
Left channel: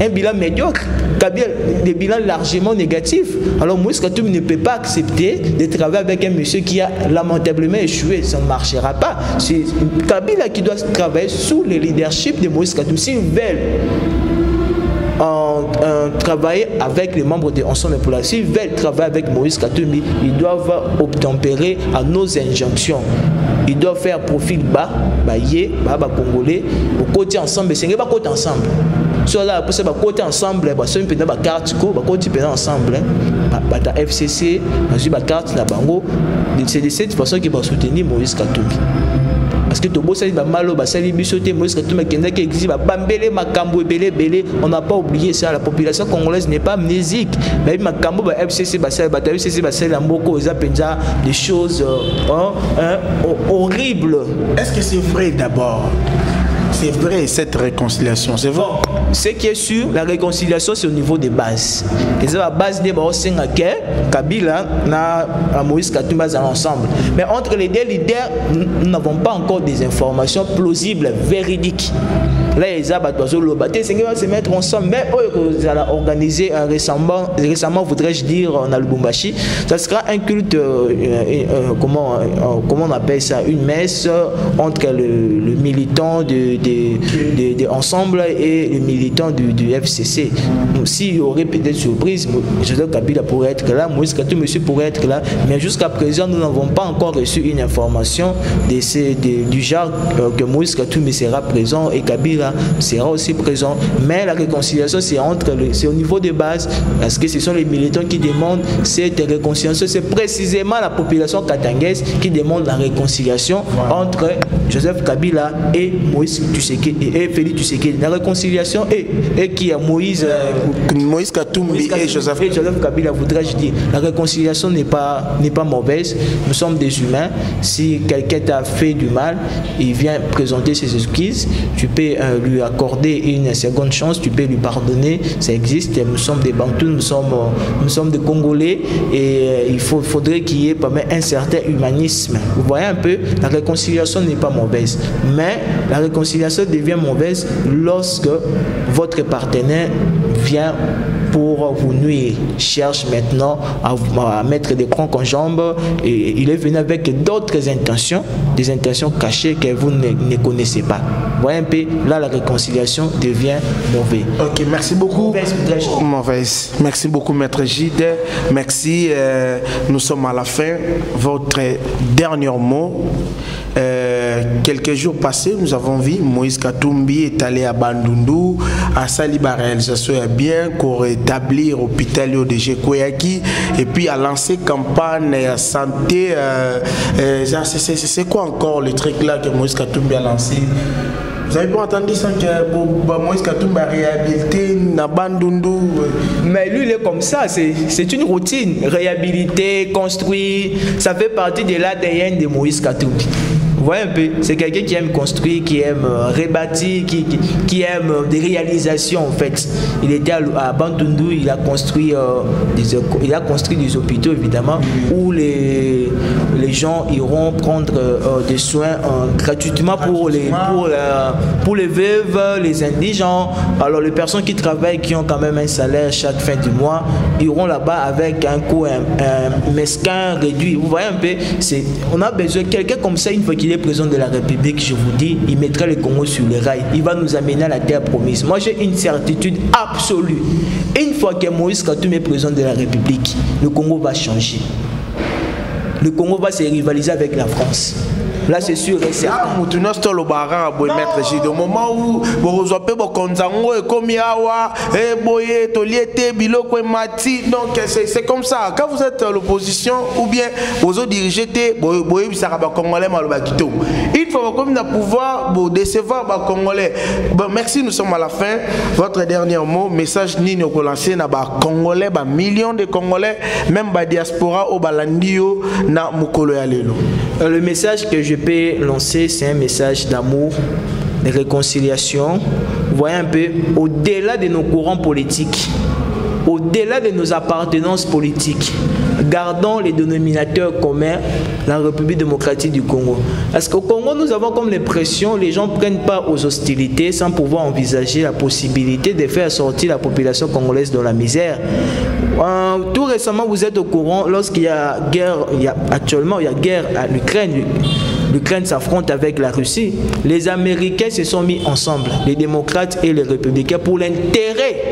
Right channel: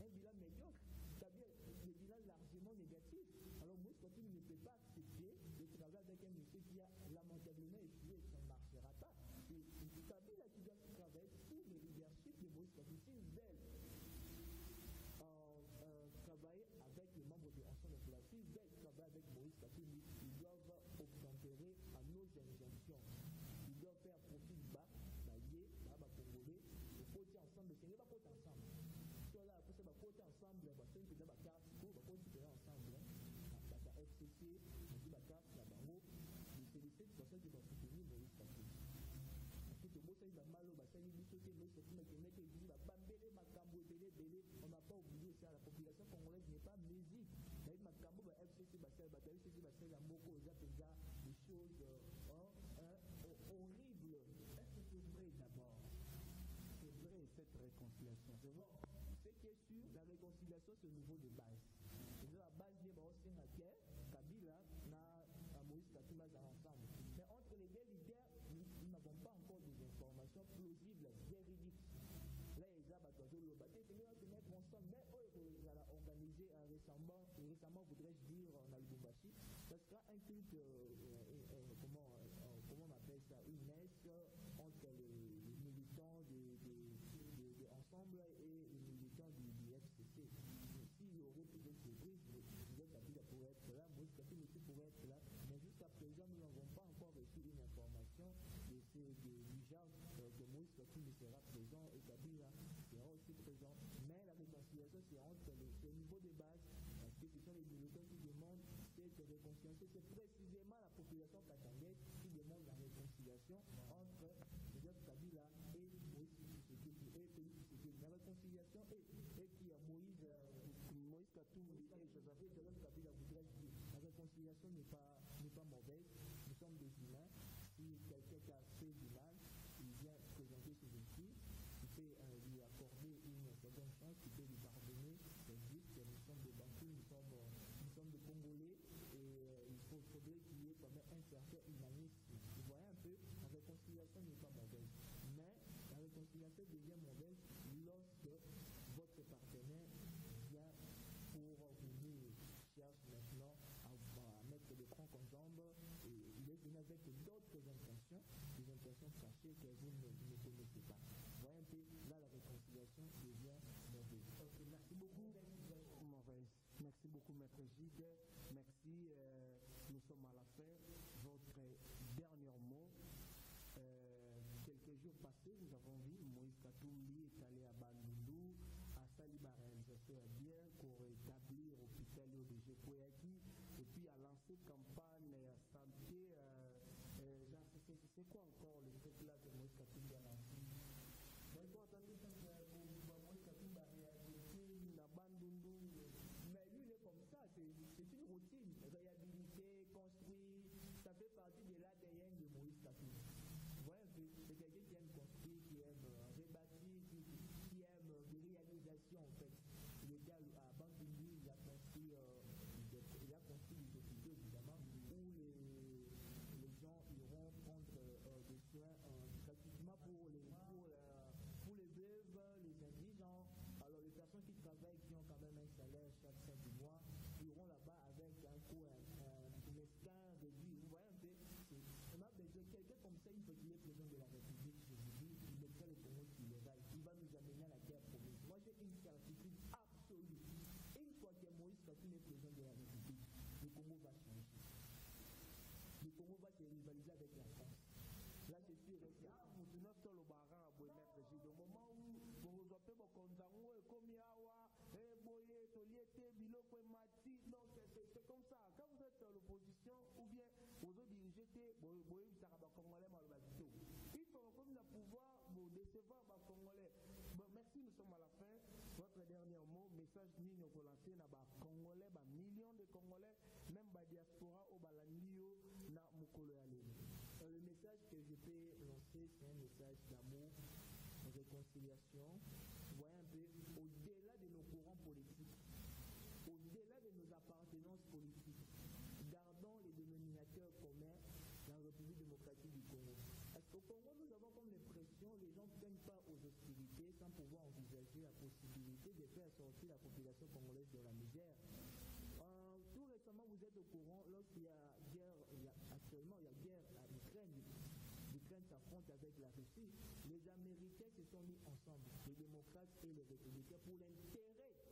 Un bilan médiocre, Kabila, des bilans largement négatifs. Alors Moïse Katumbi ne peut pas accepter de travailler avec un monsieur qui a lamentablement échoué, ça ne marchera pas. C'est Kabila qui doit travailler sous le leadership de Moïse Katumbi. S'ils veulent travailler avec les membres de Ensemble pour la S'ils veulent travailler avec Moïse Katumbi, ils doivent obtempérer à nos injonctions. Ils doivent faire profil bas, Congolais, au côté ensemble, c'est pas côté ensemble. Soit là, pour ça, côté ensemble, c'est une petite carte, côté ensemble, la FCC, la carte, la bango. C'est de cette façon qu'ils vont soutenir Moïse Katumbi. Parce que tout le on n'a pas oublié ça, la population congolaise n'est pas amnésique. Mais des choses horribles. Est-ce que c'est vrai d'abord? C'est vrai cette réconciliation, c'est vrai. Ce qui est sûr, la réconciliation c'est au niveau des bases. Et c'est la base des Kabila et Moïse Katumbi ensemble. Mais entre les deux leaders, nous n'avons pas encore des informations plausibles, véridiques. Là, les va se mettre ensemble. Mais vous allez organiser récemment, voudrais-je dire, en Lubumbashi, ça sera un culte, comment on appelle ça, une messe entre le militant de Ensemble et le militant du FCC. S'il y aurait peut-être surprise, Joseph Kabila pourrait être là, Moïse Katumbi pourrait être là, mais jusqu'à présent, nous n'avons pas encore reçu une information du genre que Moïse Katumbi sera présent et Kabila sera aussi présent. Mais la réconciliation, c'est au niveau de base, parce que ce sont les militants qui demandent cette réconciliation. C'est précisément la population katangaise qui demande la réconciliation entre Joseph Kabila et Moïse et Félix Tshisekedi. La réconciliation et qui a Moïse Katumbi et Joseph Kabila, voudrais-je dire. La réconciliation n'est pas mauvaise. Nous sommes des humains. Si quelqu'un t'a fait du mal, il vient présenter ses excuses. Tu peux lui accorder une seconde chance, tu peux lui pardonner. Ça existe. Nous sommes des Bantous, nous sommes des Congolais et il faudrait qu'il y ait un certain humanisme. Vous voyez un peu, la réconciliation n'est pas mauvaise. Mais la réconciliation devient mauvaise lorsque votre partenaire vient pour vous nuire, cherche maintenant à mettre des crancs en jambes et il est venu avec d'autres intentions, des intentions cachées que vous ne connaissez pas. Vous voyez un peu, là la réconciliation devient mauvaise. Ok, merci beaucoup. Mauvaise. Merci beaucoup Maître Gide. Merci, nous sommes à la fin. Votre dernier mot. Quelques jours passés, nous avons vu Moïse Katumbi est allé à Bandundu, à Saliba réalisation bien, pour rétablir l'hôpital de Jekoyaki et puis à lancer campagne santé. C'est quoi encore le truc là que Moïse Katumbi a lancé? Vous avez pas entendu ça que Moïse Katumbi a réhabilité na Bandundu? Mais lui, il est comme ça, c'est une routine. Réhabiliter, construire, ça fait partie de l'ADN de Moïse Katumbi. Vous voyez un peu, c'est quelqu'un qui aime construire, qui aime rebâtir, qui aime des réalisations en fait. Il était à Bandundu, il a construit des hôpitaux évidemment où les gens iront prendre des soins gratuitement pour les veuves, les indigents. Alors les personnes qui travaillent, qui ont quand même un salaire chaque fin du mois, iront là-bas avec un coût mesquin réduit. Vous voyez un peu, on a besoin de quelqu'un comme ça une fois qu'il est président de la République, je vous dis, il mettra le Congo sur les rails. Il va nous amener à la terre promise. Moi, j'ai une certitude absolue. Une fois que Moïse Katumbi est président de la République, le Congo va changer. Le Congo va se rivaliser avec la France. Là, c'est sûr et certain. Au moment où vous avez donc c'est comme ça. Quand vous êtes à l'opposition ou bien vous dirigez, il faut comme pouvoir décevoir les Congolais. Merci, nous sommes à la fin. Votre dernier mot, message Nino Kolancé na ba Congolais, ba millions de Congolais, même ba diaspora au balandio na mukolo ya lelo. Le message que je peux lancer, c'est un message d'amour, de réconciliation. Vous voyez un peu, au-delà de nos courants politiques, au-delà de nos appartenances politiques, gardons les dénominateurs communs, la République démocratique du Congo. Parce qu'au Congo, nous avons comme l'impression, les gens ne prennent pas aux hostilités sans pouvoir envisager la possibilité de faire sortir la population congolaise de la misère. Tout récemment, vous êtes au courant, lorsqu'il y a guerre, actuellement il y a guerre à l'Ukraine. L'Ukraine s'affronte avec la Russie. Les Américains se sont mis ensemble, les démocrates et les républicains, pour l'intérêt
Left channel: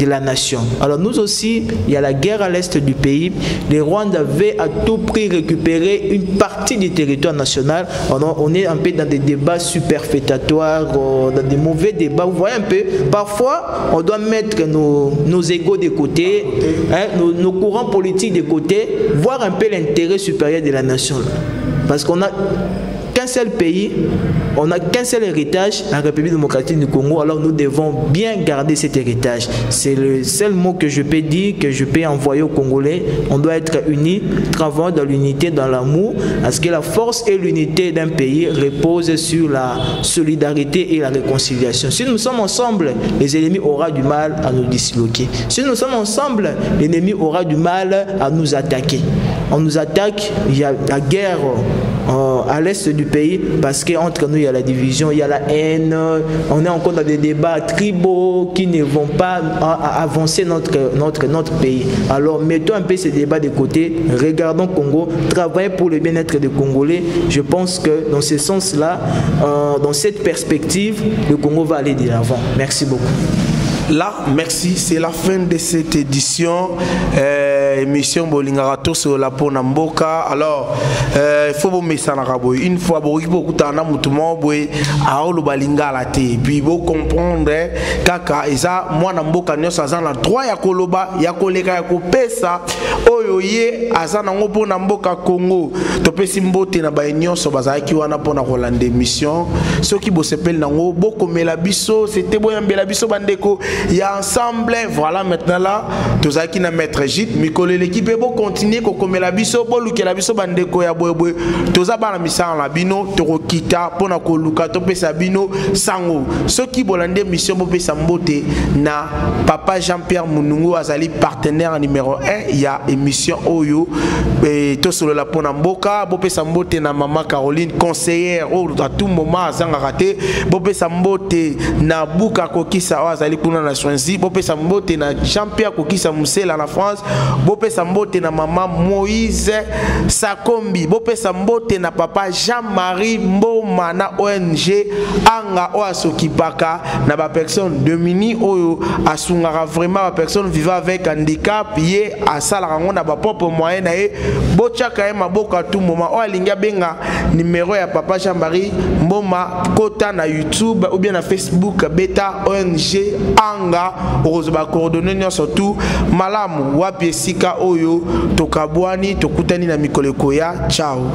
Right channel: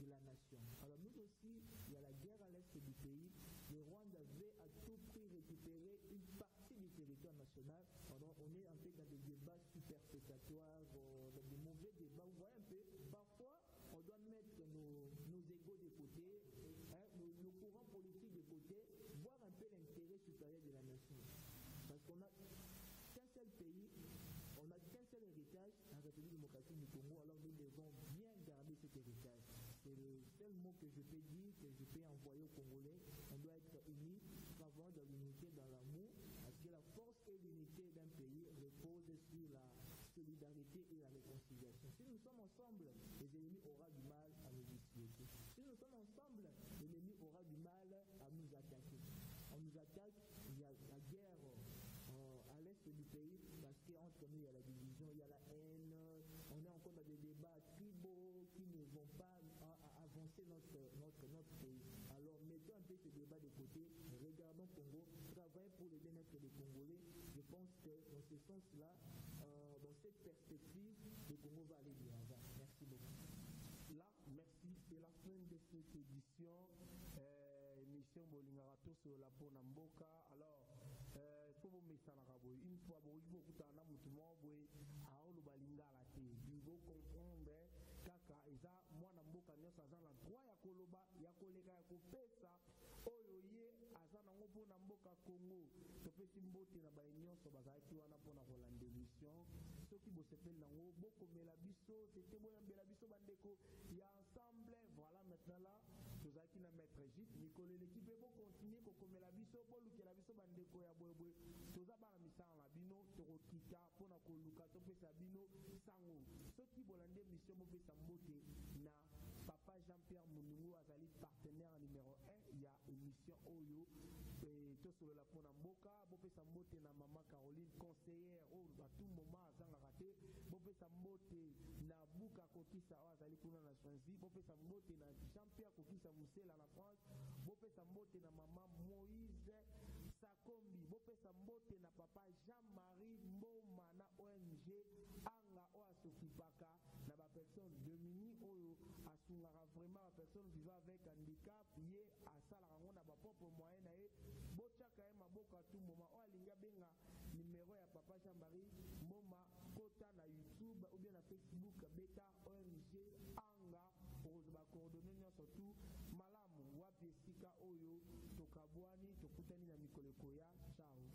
de la nation. Alors nous aussi, il y a la guerre à l'est du pays. Les Rwandais avaient à tout prix récupéré une partie du territoire national. On est un peu dans des débats superfétatoires, dans des mauvais débats. Vous voyez un peu, parfois, on doit mettre nos égos de côté, hein, nos courants politiques de côté, voir un peu l'intérêt supérieur de la nation. Parce qu'on a qu'un seul pays, on n'a qu'un seul héritage, la République démocratique du Congo, alors nous devons bien garder cet héritage. C'est le seul mot que je peux dire, que je peux envoyer aux Congolais. On doit être unis, travailler dans l'unité, dans l'amour, parce que la force et l'unité d'un pays reposent sur la solidarité et la réconciliation. Si nous sommes ensemble, les ennemis auront du mal à nous disloquer. Si nous sommes ensemble, l'ennemi aura du mal à nous attaquer. On nous attaque, il y a la guerre à l'est du pays, parce qu'entre nous il y a la division, il y a la haine, on est encore dans des débats tribaux qui ne vont pas avancer notre pays. Alors mettons un peu ces débats de côté, regardons Congo, travaillons pour le bien-être des Congolais. Je pense que dans ce sens-là, dans cette perspective, le Congo va aller de l'avant. Merci beaucoup. Là, merci, c'est la fin de cette édition. Émission Bolingarato sur la Ponamboka. Alors, il faut vous mettre ça dans la une fois, vous puis vous comprendre kaka eza moi namboka nyonso aza na droit ya koloba ya koleka ya kopesa oyo ye aza nango mpona mboka Congo topesi mbote na ba nyonso bazalaki wana mpona kolanda émission soki bosepeli nango bokomela biso c'était boyambela biso bandeko ya ensemble. Voilà, maintenant là tozalaki na maître Gide mikolo l'équipe bo continuer kokomela biso bolukela biso bandeko ya bwebwe toza bana misala na bino tokokita mpona koluka topesa bino sango soki bolande mission bopesa mbote na papa Jean-Pierre Munungu azali partenaire numéro 1 ya émission oyo tosolola mpona mboka bopesa mbote na mama Caroline conseillère à tout moment azanga raté bopesa mbote na Buka Kokisa azali kuna na Swansea bopesa mbote na Jean-Pierre Kokisa Musela na France bopesa mbote na mama Moïse Sakombi bopesa mbote na papa Jean-Marie Mboma na ONG anga o asokipaka na ba personne Domini oyo asungaka vraiment ba personne vivant avec handicap ye asala rango na ba propre moyen na ye bochaka ye maboko à tout moment o alinga benga numéro ya papa Jean-Marie Mboma kota na YouTube ou bien na Facebook beta ONG anga ozoba coordonner surtout malamu wapi esika oyo tokabwani tokutani na mikoleko ya ciao.